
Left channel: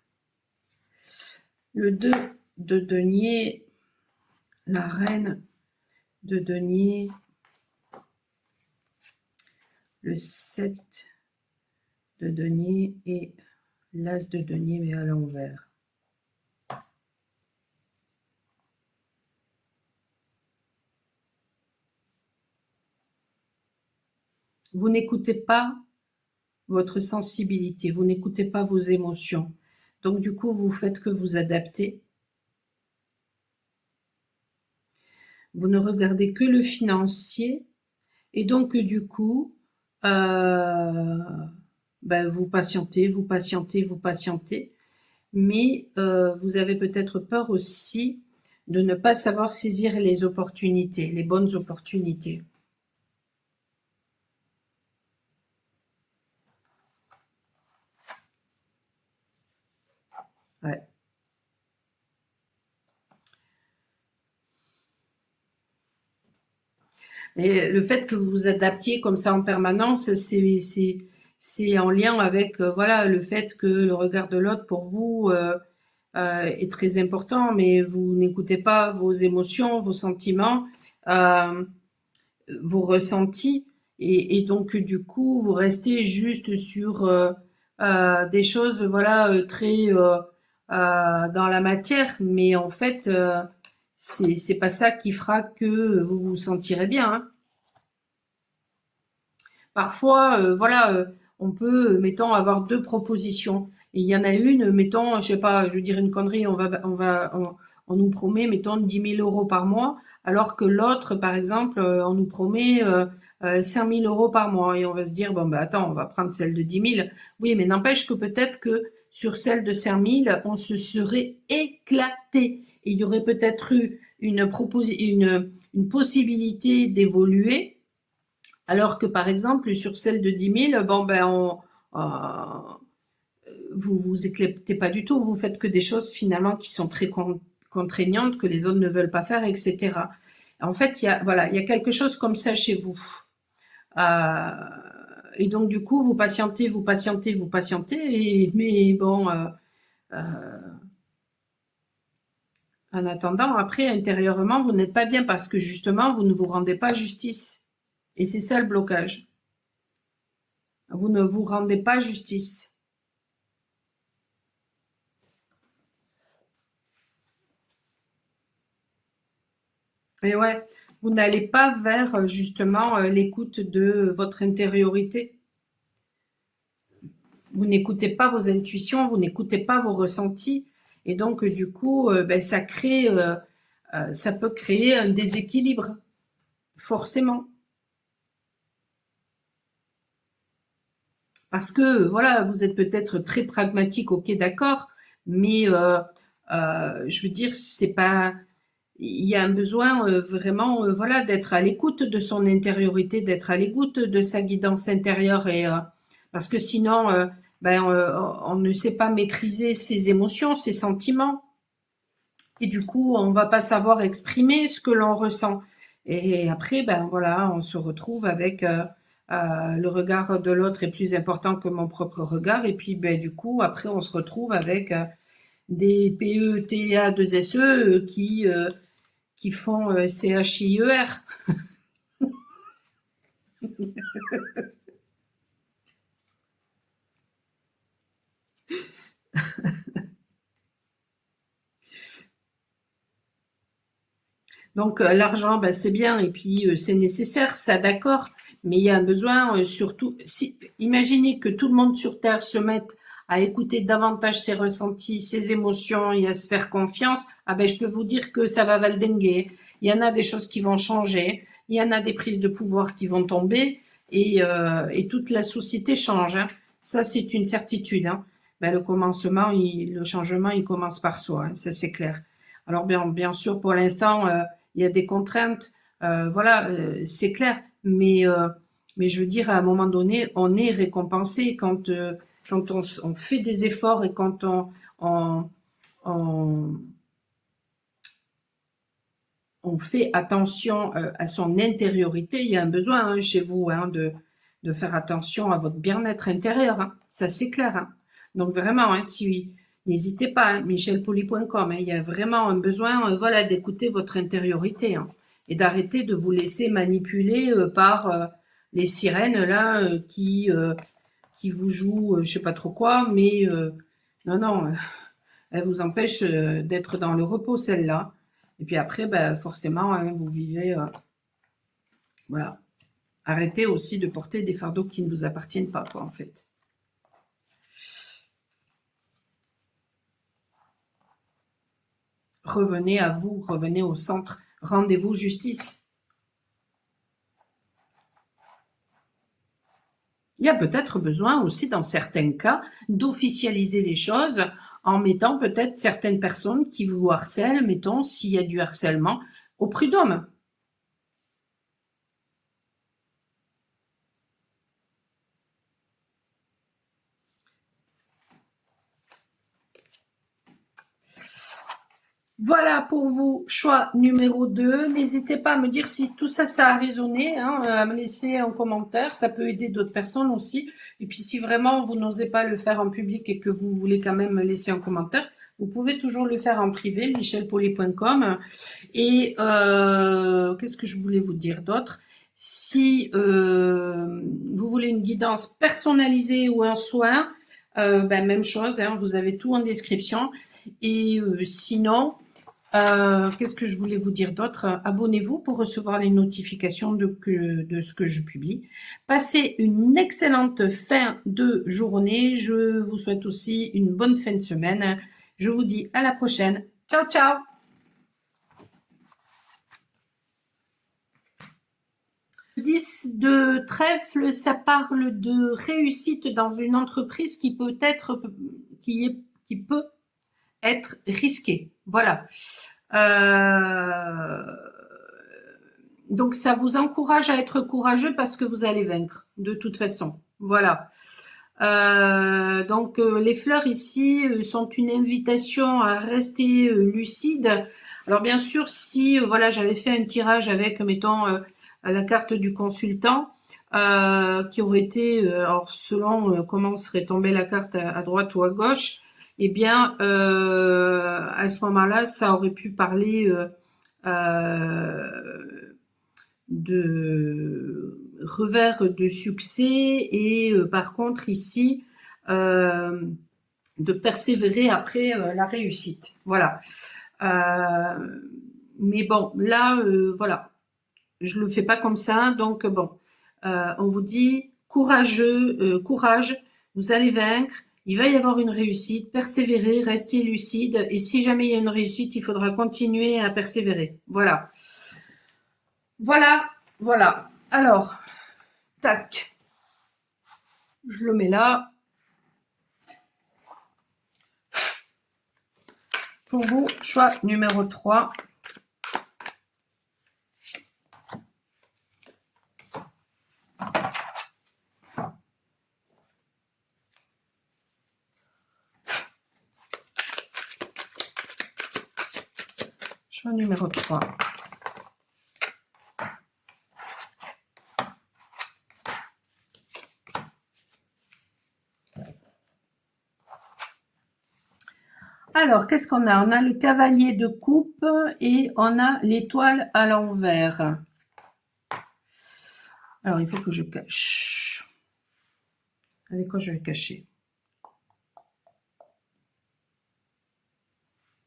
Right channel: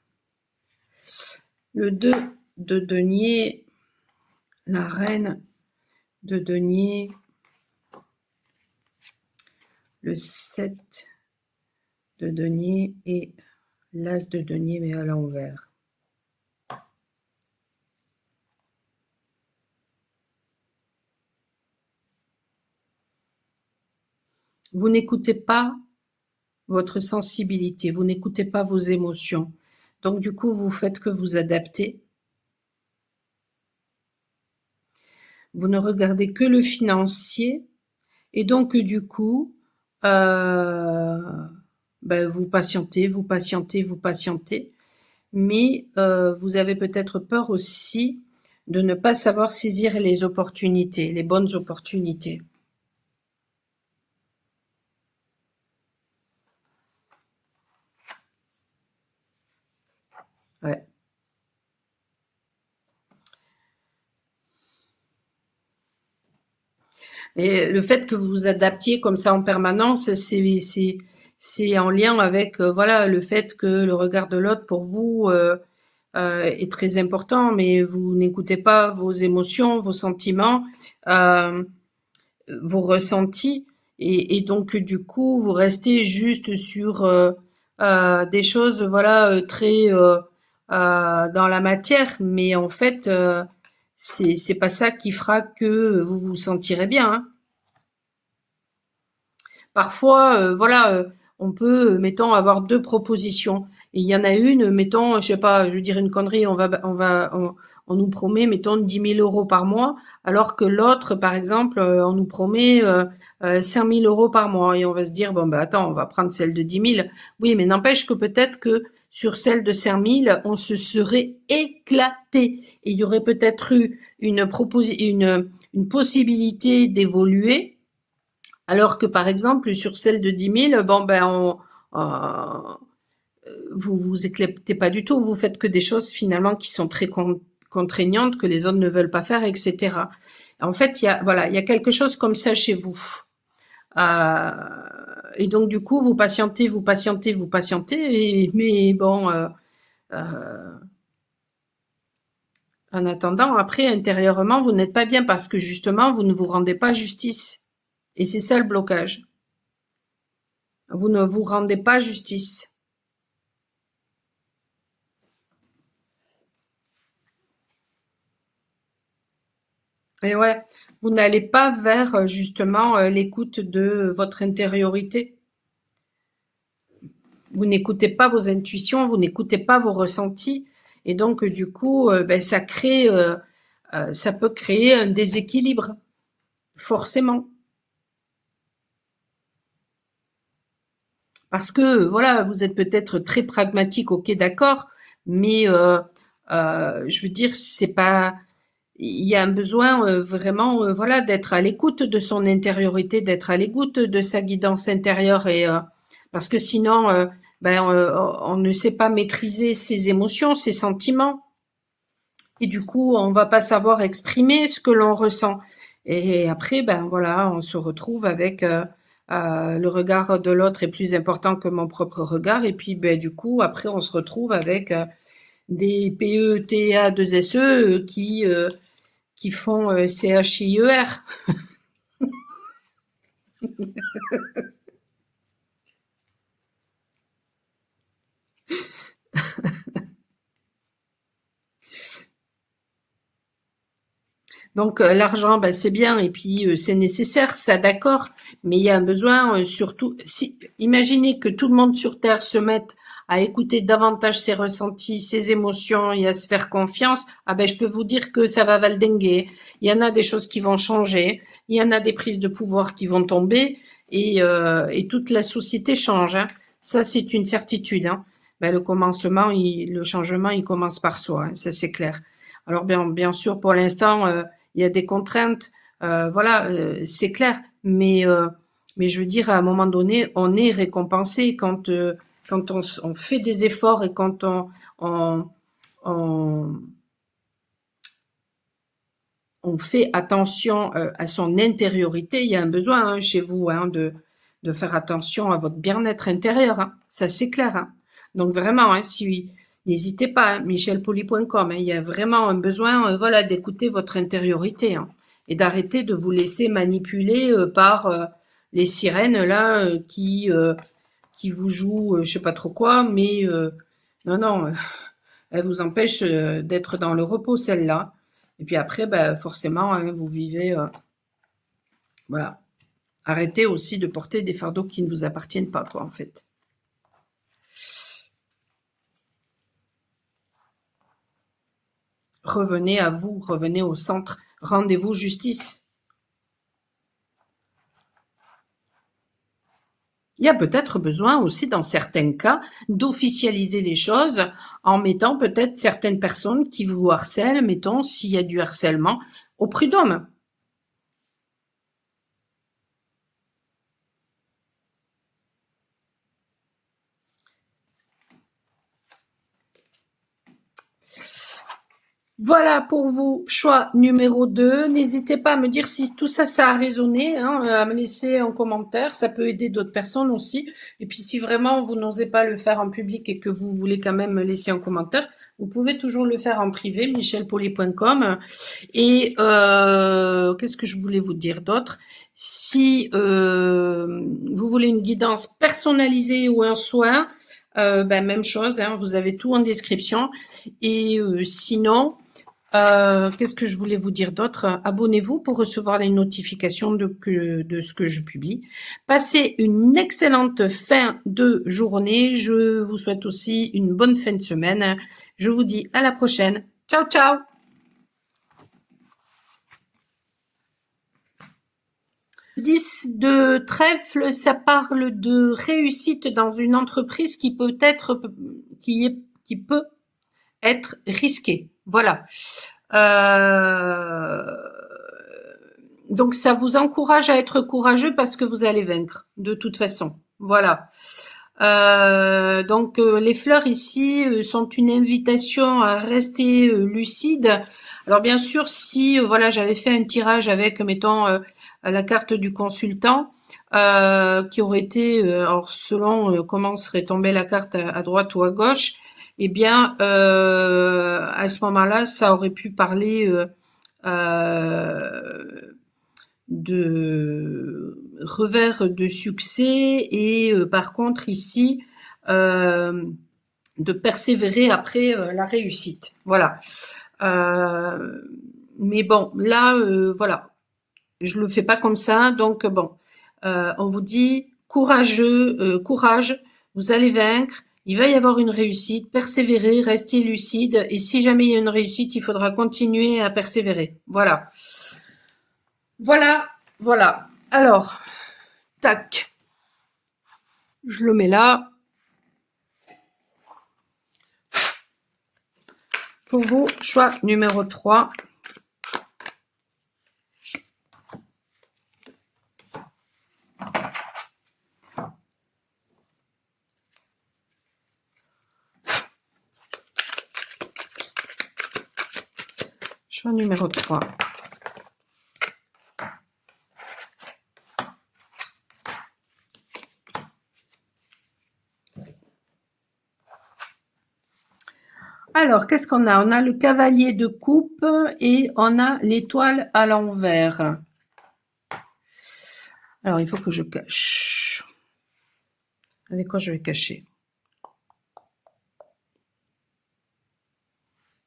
Le 2 de denier. La reine de denier. Le 7 de denier et l'as de denier mais à l'envers. Vous n'écoutez pas votre sensibilité, vous n'écoutez pas vos émotions. Donc du coup, vous faites que vous adaptez. Vous ne regardez que le financier et donc du coup, vous patientez, vous patientez, vous patientez. Mais vous avez peut-être peur aussi de ne pas savoir saisir les opportunités, les bonnes opportunités. Ouais. Et le fait que vous vous adaptiez comme ça en permanence, c'est en lien avec voilà le fait que le regard de l'autre pour vous est très important, mais vous n'écoutez pas vos émotions, vos sentiments, euh, vos ressentis, et donc du coup vous restez juste sur des choses voilà très dans la matière, mais en fait c'est pas ça qui fera que vous vous sentirez bien, hein. Parfois, voilà, on peut, mettons, avoir deux propositions. Et il y en a une, mettons, je sais pas, je veux dire une connerie, on nous promet, mettons, 10 000 € par mois, alors que l'autre, par exemple, on nous promet 5 000 € par mois. Et on va se dire, bon, bah attends, on va prendre celle de 10 000. Oui, mais n'empêche que peut-être que sur celle de 5 000, on se serait éclaté. Et il y aurait peut-être eu une possibilité d'évoluer, alors que par exemple, sur celle de 10 000, bon, ben, vous vous éclatez pas du tout, vous faites que des choses finalement qui sont très contraignantes, que les autres ne veulent pas faire, etc. En fait, voilà, il y a quelque chose comme ça chez vous. Euh, et donc, du coup, vous patientez, vous patientez, vous patientez, mais bon, en attendant, après, intérieurement, vous n'êtes pas bien parce que justement, vous ne vous rendez pas justice. Et c'est ça le blocage. Vous ne vous rendez pas justice. Et ouais, vous n'allez pas vers justement l'écoute de votre intériorité. Vous n'écoutez pas vos intuitions, vous n'écoutez pas vos ressentis. Et donc, du coup, ben, ça peut créer un déséquilibre, forcément. Parce que, voilà, vous êtes peut-être très pragmatique, ok, d'accord, mais je veux dire, c'est pas. Il y a un besoin vraiment, voilà, d'être à l'écoute de son intériorité, d'être à l'écoute de sa guidance intérieure, et parce que sinon, ben, on ne sait pas maîtriser ses émotions, ses sentiments, et du coup, on va pas savoir exprimer ce que l'on ressent. Et après, ben voilà, on se retrouve avec le regard de l'autre est plus important que mon propre regard, et puis ben du coup, après, on se retrouve avec des PETA2SE qui font CHIER. Donc l'argent, ben, c'est bien et puis c'est nécessaire, ça d'accord, mais il y a un besoin surtout. Imaginez que tout le monde sur Terre se mette à écouter davantage ses ressentis, ses émotions et à se faire confiance. Ah ben je peux vous dire que ça va valdinguer. Il y en a des choses qui vont changer, il y en a des prises de pouvoir qui vont tomber et toute la société change, hein. Ça c'est une certitude, hein. Ben, le changement, il commence par soi, hein, ça c'est clair. Alors bien sûr, pour l'instant, il y a des contraintes, voilà, c'est clair. Mais je veux dire, à un moment donné, on est récompensé quand on fait des efforts et quand on, on, on fait attention à son intériorité. Il y a un besoin hein, chez vous hein, de faire attention à votre bien-être intérieur, hein. Ça, c'est clair, hein. Donc vraiment, hein, si, n'hésitez pas, hein, michelpoli.com, hein, il y a vraiment un besoin voilà, d'écouter votre intériorité hein, et d'arrêter de vous laisser manipuler par les sirènes là qui vous jouent je sais pas trop quoi, mais non, non, elle vous empêche d'être dans le repos, celle-là. Et puis après, bah, forcément, hein, vous vivez, voilà. Arrêtez aussi de porter des fardeaux qui ne vous appartiennent pas, quoi, en fait. Revenez à vous, revenez au centre, rendez-vous justice. Il y a peut-être besoin aussi, dans certains cas, d'officialiser les choses en mettant peut-être certaines personnes qui vous harcèlent, mettons, s'il y a du harcèlement, au prud'homme. Voilà pour vous, choix numéro 2. N'hésitez pas à me dire si tout ça, ça a résonné, hein, à me laisser un commentaire. Ça peut aider d'autres personnes aussi. Et puis si vraiment vous n'osez pas le faire en public et que vous voulez quand même me laisser un commentaire, vous pouvez toujours le faire en privé, michelpoli.com. Et qu'est-ce que je voulais vous dire d'autre? Si vous voulez une guidance personnalisée ou un soin, ben, même chose, hein, vous avez tout en description. Et sinon, Qu'est-ce que je voulais vous dire d'autre? Abonnez-vous pour recevoir les notifications de ce que je publie. Passez une excellente fin de journée. Je vous souhaite aussi une bonne fin de semaine. Je vous dis à la prochaine. Ciao, ciao! 10 de trèfle, ça parle de réussite dans une entreprise qui peut être, qui peut être risquée. Voilà. Donc, ça vous encourage à être courageux parce que vous allez vaincre, de toute façon. Voilà. Donc, les fleurs ici sont une invitation à rester lucide. Alors, bien sûr, si voilà, j'avais fait un tirage avec, mettons, la carte du consultant, qui aurait été, alors selon comment serait tombée la carte à droite ou à gauche, eh bien, à ce moment-là, ça aurait pu parler de revers de succès et par contre ici, de persévérer après la réussite. Voilà. Mais bon, là, voilà, je le fais pas comme ça, donc bon, on vous dit courageux, courage, vous allez vaincre, il va y avoir une réussite, persévérer, rester lucide, et si jamais il y a une réussite, il faudra continuer à persévérer. Voilà. Voilà, voilà. Alors, tac, je le mets là. Pour vous, choix numéro 3. Choix numéro 3. Alors, qu'est-ce qu'on a? On a le cavalier de coupe et on a l'étoile à l'envers. Alors, il faut que je cache. Avec quoi je vais cacher?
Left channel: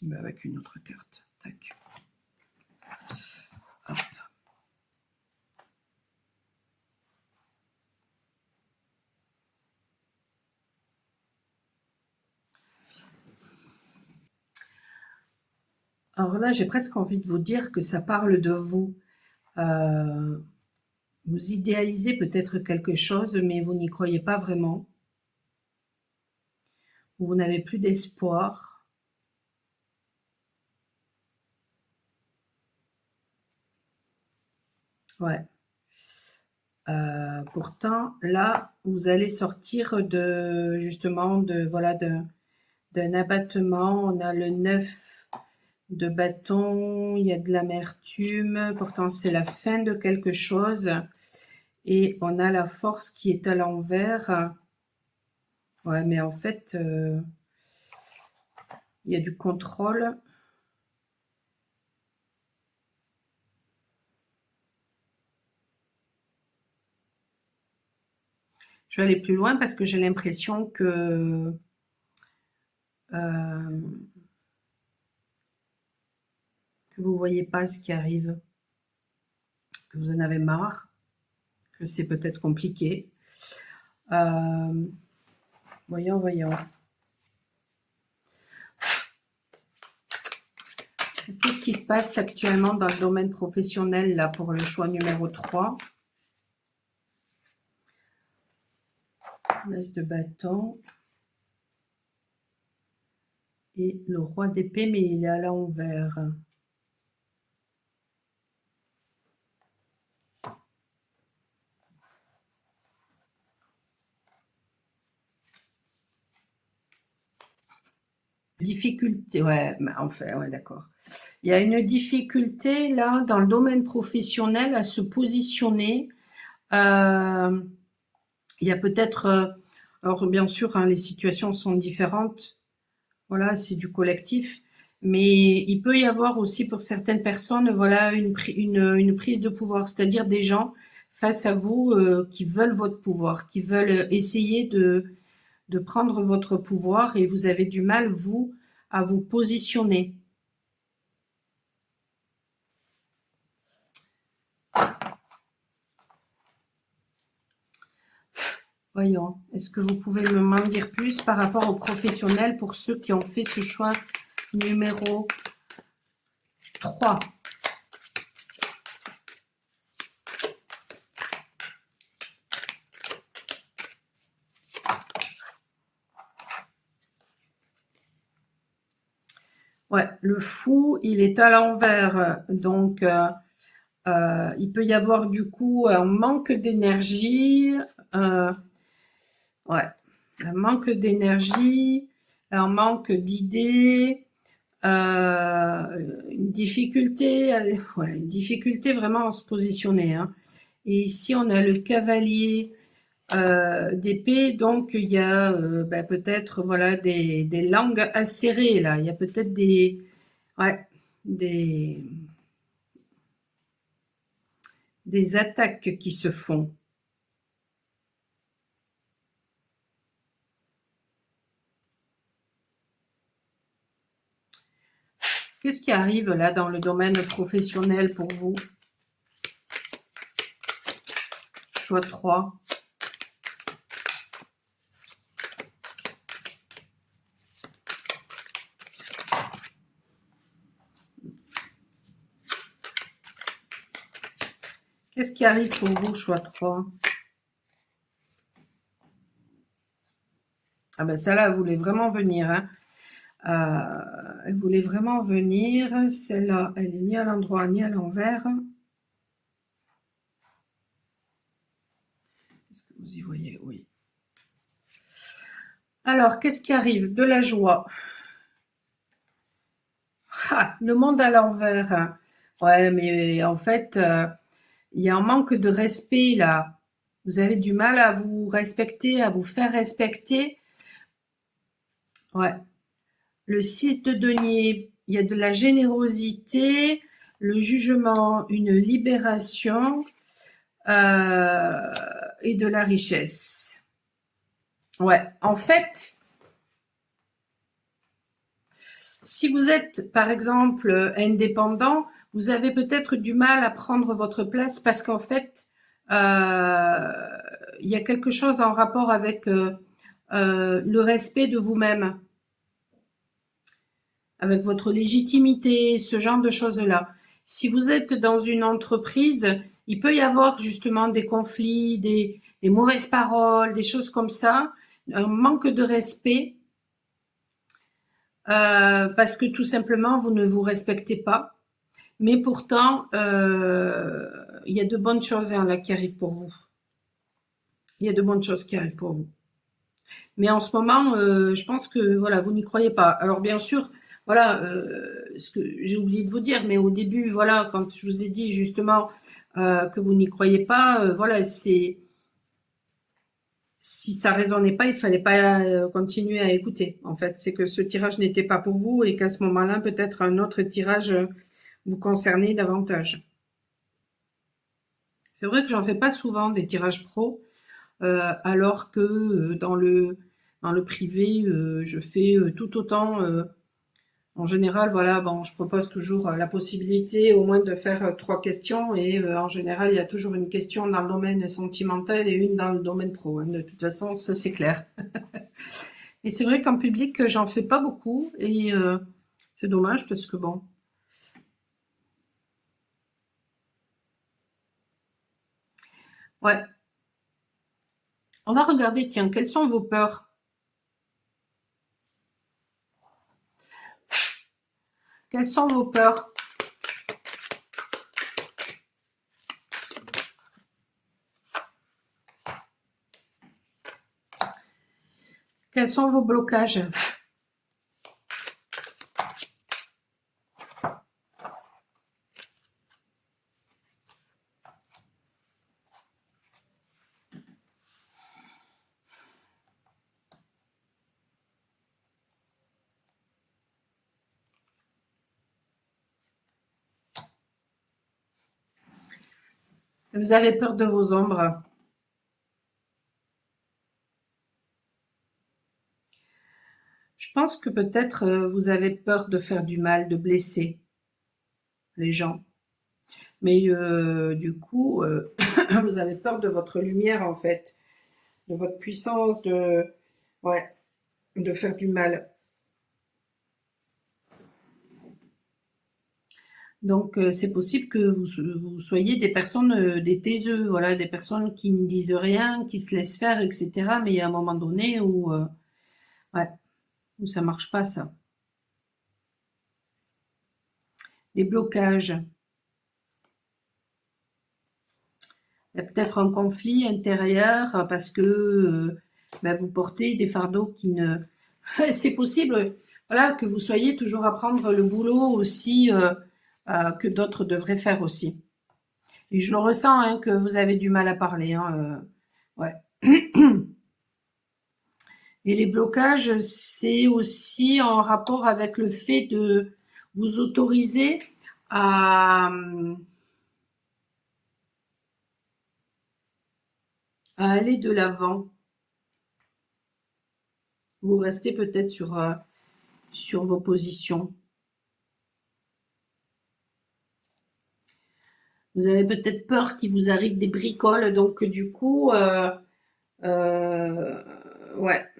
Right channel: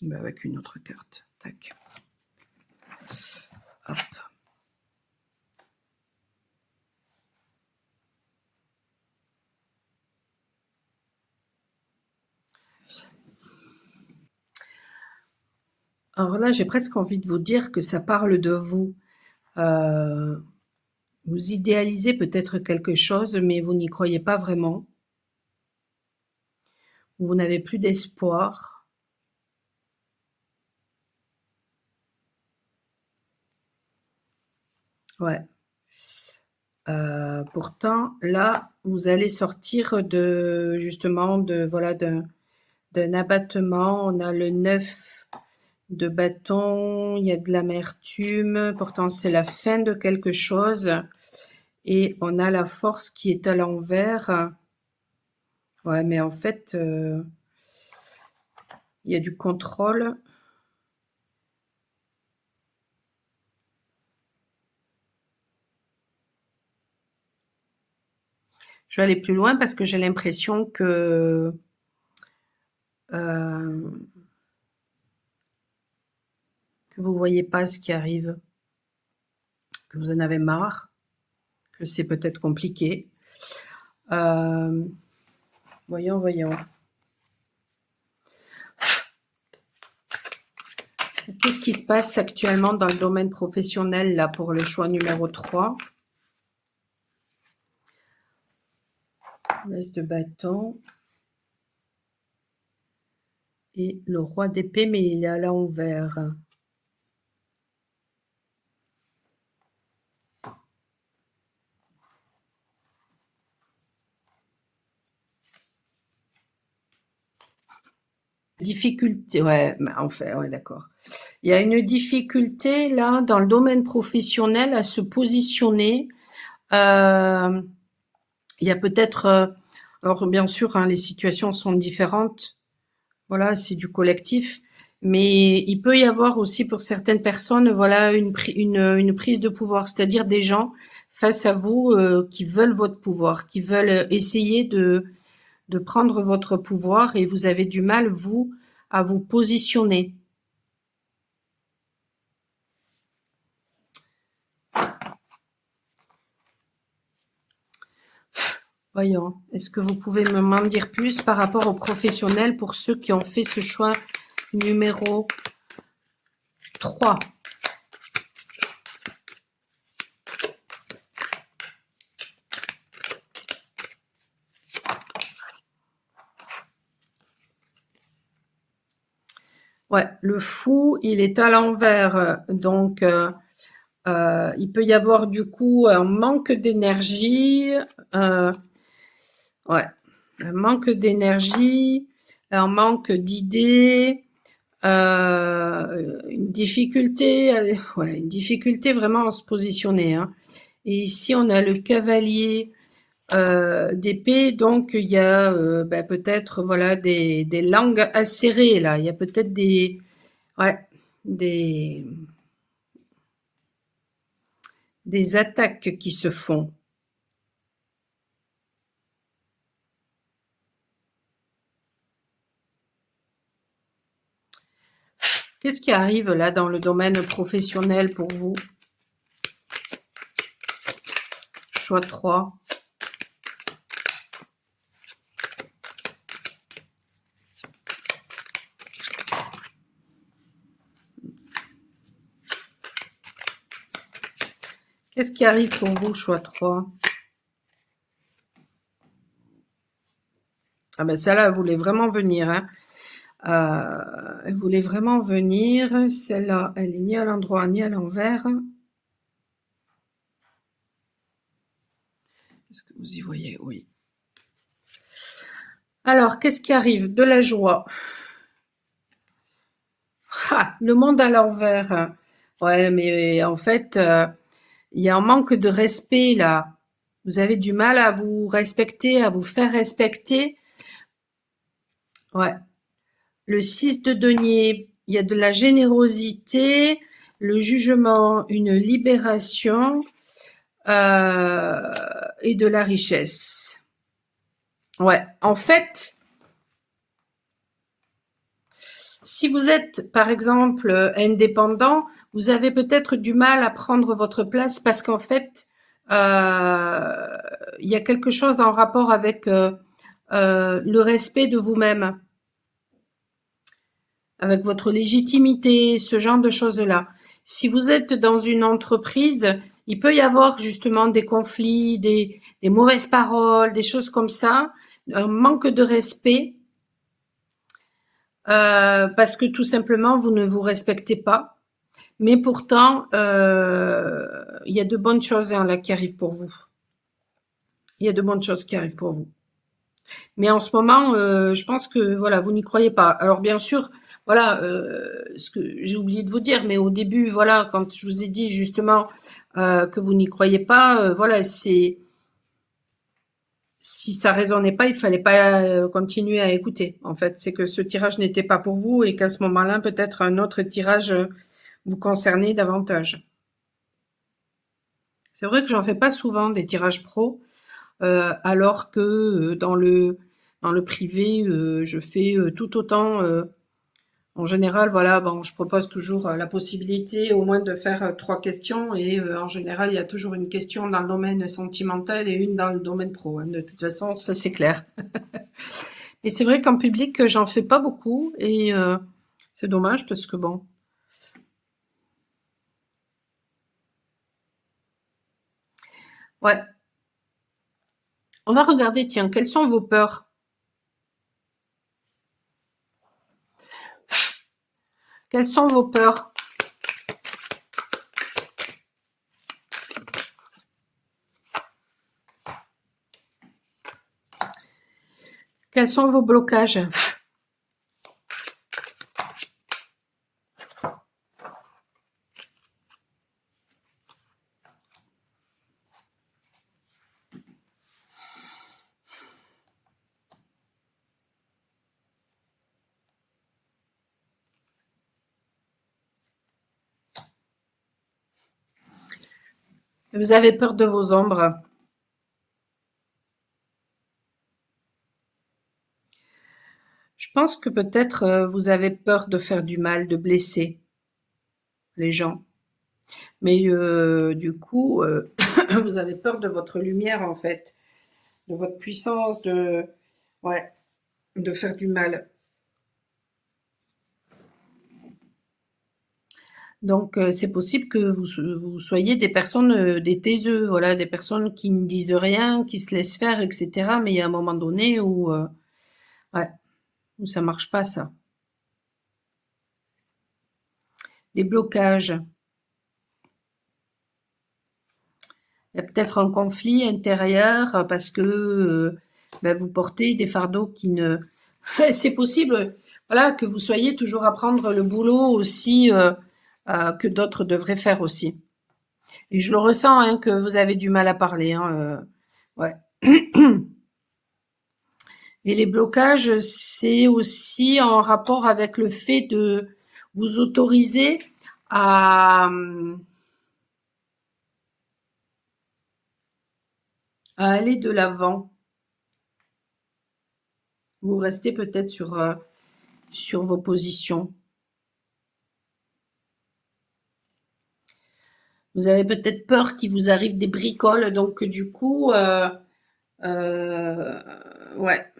Ben, avec une autre carte. Tac. Hop. Alors là, j'ai presque envie de vous dire que ça parle de vous. Vous idéalisez peut-être quelque chose, mais vous n'y croyez pas vraiment. Vous n'avez plus d'espoir. Ouais. Pourtant, là, vous allez sortir de justement de voilà d'un abattement. On a le 9 de bâton, il y a de l'amertume. Pourtant, c'est la fin de quelque chose. Et on a la force qui est à l'envers. Ouais, mais en fait, il y a du contrôle. Je vais aller plus loin parce que j'ai l'impression que vous ne voyez pas ce qui arrive, que vous en avez marre, que c'est peut-être compliqué. Voyons, voyons. Qu'est-ce qui se passe actuellement dans le domaine professionnel là pour le choix numéro 3? L'as de bâton. Et le roi d'épée, mais il est à l'envers. Difficulté, ouais, enfin, ouais, d'accord. Il y a une difficulté là dans le domaine professionnel à se positionner. Il y a peut-être, alors bien sûr, hein, les situations sont différentes. Voilà, c'est du collectif, mais il peut y avoir aussi pour certaines personnes, voilà, une prise de pouvoir, c'est-à-dire des gens face à vous qui veulent votre pouvoir, qui veulent essayer de prendre votre pouvoir et vous avez du mal, vous, à vous positionner. Voyons, est-ce que vous pouvez m'en dire plus par rapport aux professionnels pour ceux qui ont fait ce choix numéro 3? Ouais, le fou, il est à l'envers. Donc, il peut y avoir du coup un manque d'énergie. Ouais, un manque d'énergie, un manque d'idées, une difficulté vraiment à se positionner, hein. Et ici, on a le cavalier d'épée, donc il y a peut-être voilà des langues acérées là. Il y a peut-être ouais, des, des attaques qui se font. Qu'est-ce qui arrive là dans le domaine professionnel pour vous? Choix 3. Qu'est-ce qui arrive pour vous, choix 3? Ah ben celle-là, elle voulait vraiment venir, hein. Elle voulait vraiment venir. Celle-là, elle est ni à l'endroit ni à l'envers. Est-ce que vous y voyez? Oui. Alors, qu'est-ce qui arrive? De la joie. Ah, le monde à l'envers. Ouais, mais en fait, il y a un manque de respect là. Vous avez du mal à vous respecter, à vous faire respecter. Ouais. Le 6 de denier, il y a de la générosité, le jugement, une libération et de la richesse. Ouais, en fait, si vous êtes, par exemple, indépendant, vous avez peut-être du mal à prendre votre place parce qu'en fait, il y a quelque chose en rapport avec le respect de vous-même, avec votre légitimité, ce genre de choses-là. Si vous êtes dans une entreprise, il peut y avoir justement des conflits, des mauvaises paroles, des choses comme ça, un manque de respect, parce que tout simplement, vous ne vous respectez pas. Mais pourtant, il y a de bonnes choses hein, là qui arrivent pour vous. Il y a de bonnes choses qui arrivent pour vous. Mais en ce moment, je pense que voilà, vous n'y croyez pas. Alors bien sûr, voilà, ce que j'ai oublié de vous dire, mais au début, voilà, quand je vous ai dit justement que vous n'y croyez pas, voilà, c'est si ça résonnait pas, il fallait pas continuer à écouter. En fait, c'est que ce tirage n'était pas pour vous et qu'à ce moment-là, peut-être un autre tirage vous concernait davantage. C'est vrai que j'en fais pas souvent des tirages pro, alors que dans le privé, je fais tout autant. En général, voilà, bon, je propose toujours la possibilité au moins de faire 3 questions et en général, il y a toujours une question dans le domaine sentimental et une dans le domaine pro, hein. De toute façon, ça c'est clair. Et c'est vrai qu'en public, j'en fais pas beaucoup et c'est dommage parce que bon. Ouais. On va regarder, tiens, quelles sont vos peurs? Quelles sont vos peurs? Quels sont vos blocages? Vous avez peur de vos ombres. Je pense que peut-être vous avez peur de faire du mal, de blesser les gens. Mais du coup, vous avez peur de votre lumière en fait. de votre puissance, ouais, de faire du mal. Donc, c'est possible que vous soyez des personnes, des taiseux, voilà, des personnes qui ne disent rien, qui se laissent faire, etc. Mais il y a un moment donné où, ouais, où ça marche pas, ça. Des blocages. Il y a peut-être un conflit intérieur parce que ben, vous portez des fardeaux qui ne... C'est possible, voilà, que vous soyez toujours à prendre le boulot aussi que d'autres devraient faire aussi. Et je le ressens, hein, que vous avez du mal à parler. Hein, ouais. Et les blocages, c'est aussi en rapport avec le fait de vous autoriser à aller de l'avant. Vous restez peut-être sur vos positions. Vous avez peut-être peur qu'il vous arrive des bricoles, donc du coup, euh, ouais,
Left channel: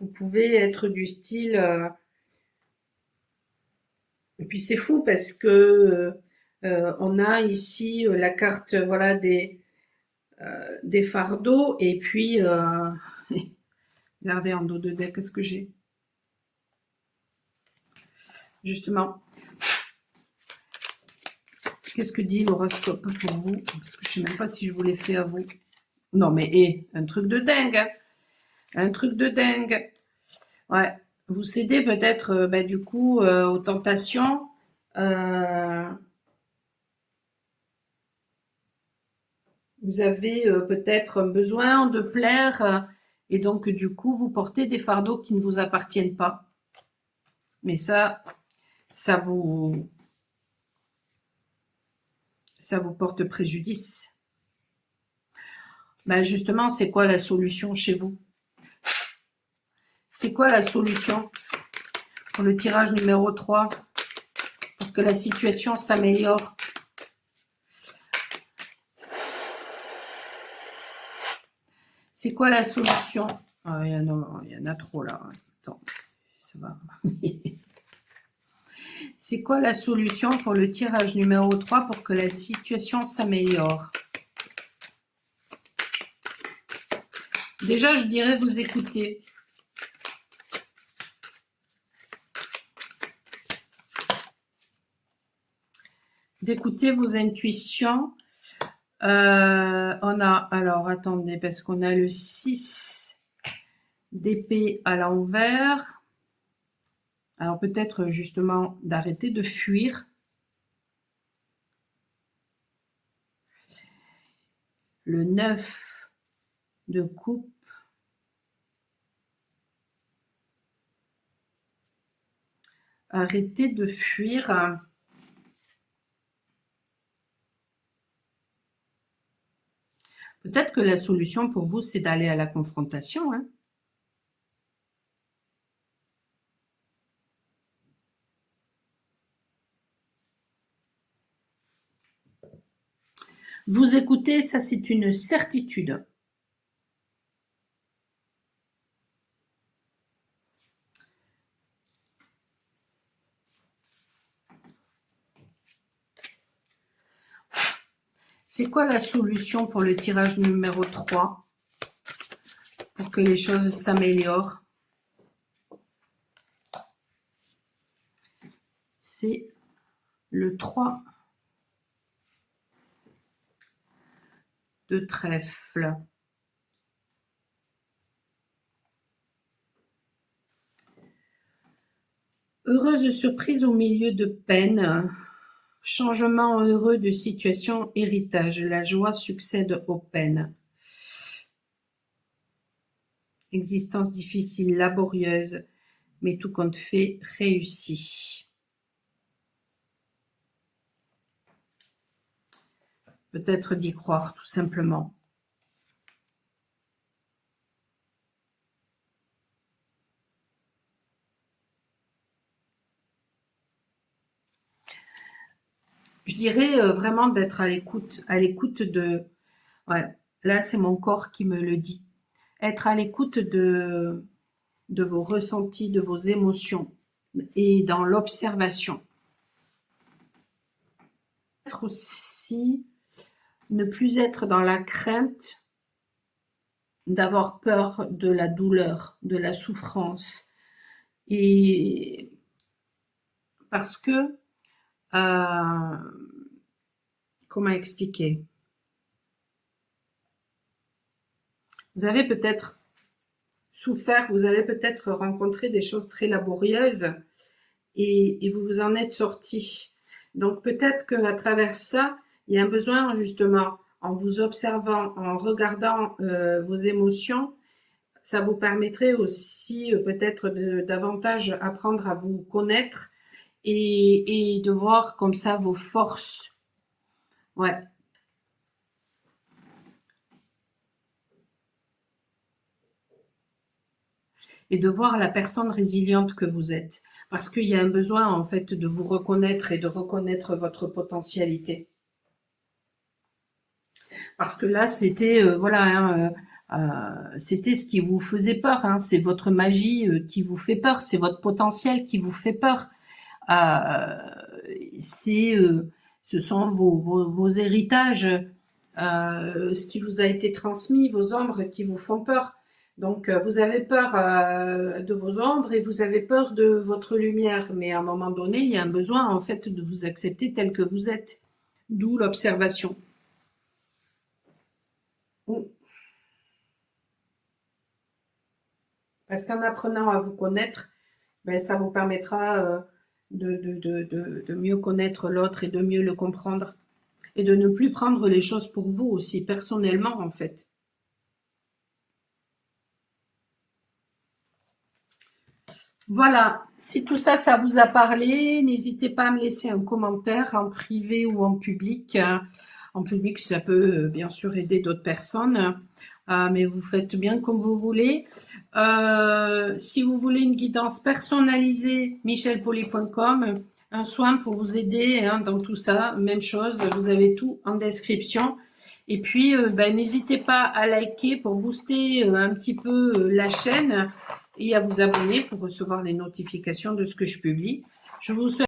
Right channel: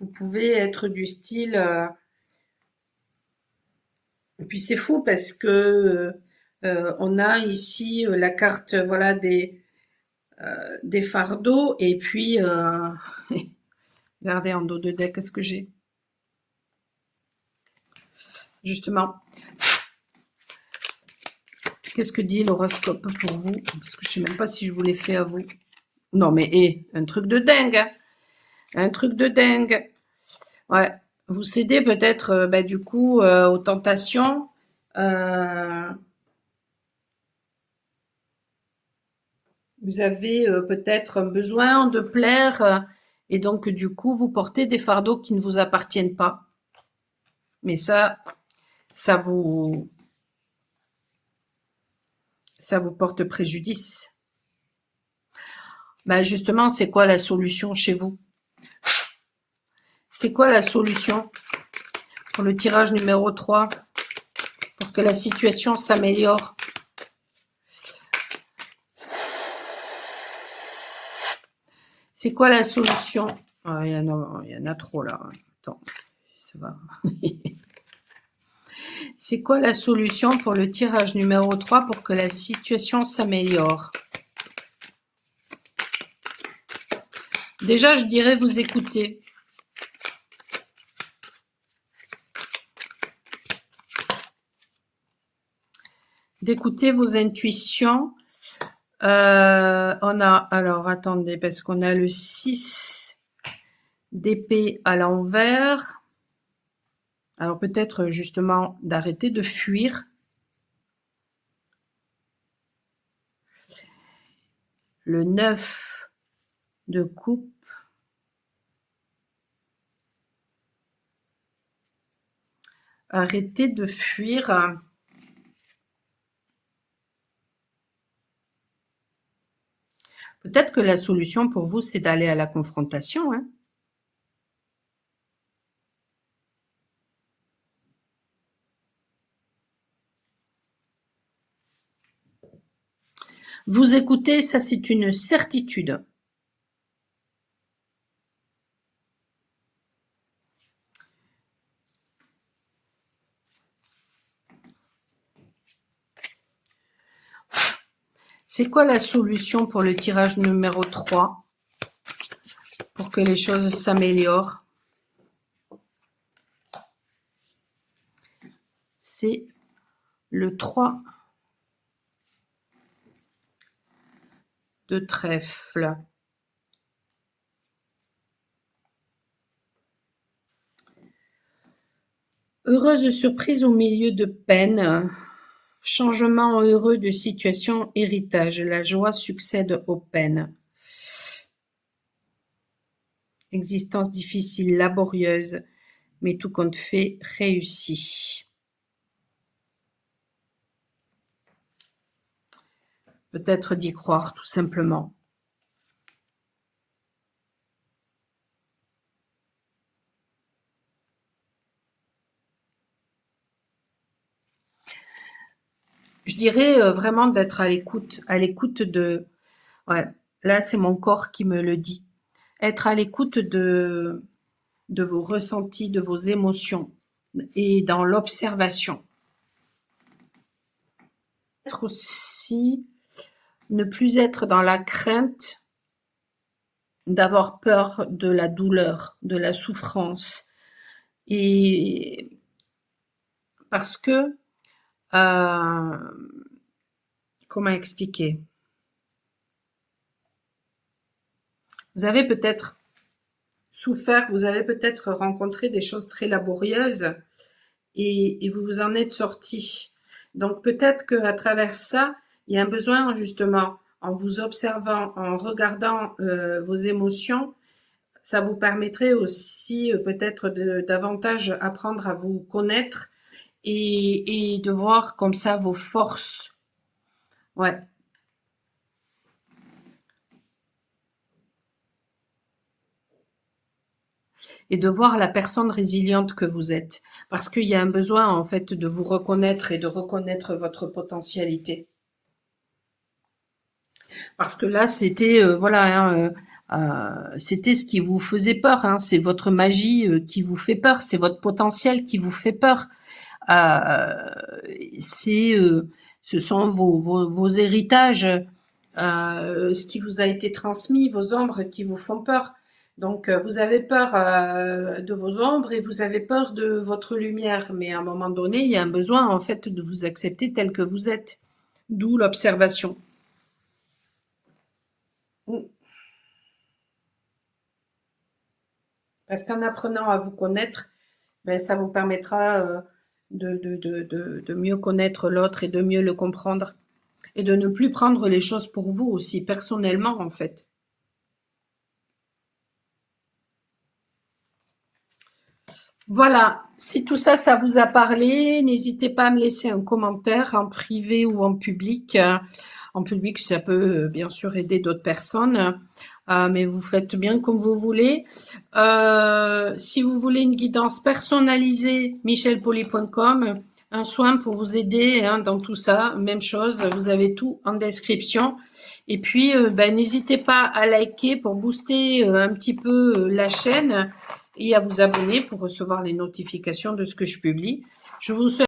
vous pouvez être du style. Et puis c'est fou parce que on a ici la carte, voilà, des fardeaux, et puis regardez en dos de deck, qu'est-ce que j'ai? Justement, qu'est-ce que dit l'horoscope pour vous? Parce que je sais même pas si je vous l'ai fait à vous. Non mais un truc de dingue, hein. Un truc de dingue. Ouais. Vous cédez peut-être bah, du coup aux tentations. Euh, vous avez peut-être besoin de plaire et donc du coup vous portez des fardeaux qui ne vous appartiennent pas. Mais ça vous, ça vous porte préjudice. Ben justement, c'est quoi la solution chez vous? C'est quoi la solution pour le tirage numéro 3 pour que la situation s'améliore? C'est quoi la solution? Ah, il y en a trop là. Attends, ça va. C'est quoi la solution pour le tirage numéro 3 pour que la situation s'améliore? Déjà, je dirais vous écouter. D'écouter vos intuitions. On a, alors attendez, parce qu'on a le 6 d'épée à l'envers. Alors peut-être justement d'arrêter de fuir. Le 9 de coupe. Arrêtez de fuir. Peut-être que la solution pour vous, c'est d'aller à la confrontation. Hein. Vous écoutez, ça c'est une certitude. C'est quoi la solution pour le tirage numéro 3 pour que les choses s'améliorent? C'est le 3 de trèfle. Heureuse surprise au milieu de peine. Changement heureux de situation, héritage. La joie succède aux peines. Existence difficile, laborieuse, mais tout compte fait, réussi. Peut-être d'y croire, tout simplement. Je dirais vraiment d'être à l'écoute de... Ouais, Là, c'est mon corps qui me le dit. Être à l'écoute de vos ressentis, de vos émotions et dans l'observation. Être aussi, ne plus être dans la crainte d'avoir peur de la douleur, de la souffrance. Et parce que, comment expliquer? Vous avez peut-être souffert, vous avez peut-être rencontré des choses très laborieuses et vous vous en êtes sorti. Donc peut-être qu'à travers ça, il y a un besoin justement, en vous observant, en regardant vos émotions, ça vous permettrait aussi peut-être de davantage apprendre à vous connaître et de voir comme ça vos forces. Ouais. Et de voir la personne résiliente que vous êtes. Parce qu'il y a un besoin, en fait, de vous reconnaître et de reconnaître votre potentialité. Parce que là, c'était, voilà, hein, c'était ce qui vous faisait peur, hein, c'est votre magie qui vous fait peur, c'est votre potentiel qui vous fait peur. Euh, c'est, ce sont vos héritages, ce qui vous a été transmis, vos ombres qui vous font peur. Donc, vous avez peur de vos ombres et vous avez peur de votre lumière. Mais à un moment donné, il y a un besoin, en fait, de vous accepter tel que vous êtes. D'où l'observation. Parce qu'en apprenant à vous connaître, ben, ça vous permettra de mieux connaître l'autre et de mieux le comprendre. Et de ne plus prendre les choses pour vous aussi, personnellement, en fait. Voilà, si tout ça, ça vous a parlé, n'hésitez pas à me laisser un commentaire en privé ou en public. En public, ça peut bien sûr aider d'autres personnes, mais vous faites bien comme vous voulez. Si vous voulez une guidance personnalisée, michelpoli.com, un soin pour vous aider hein, dans tout ça, même chose, vous avez tout en description. Et puis, ben, n'hésitez pas à liker pour booster un petit peu la chaîne et à vous abonner pour recevoir les notifications de ce que je publie. Je vous souhaite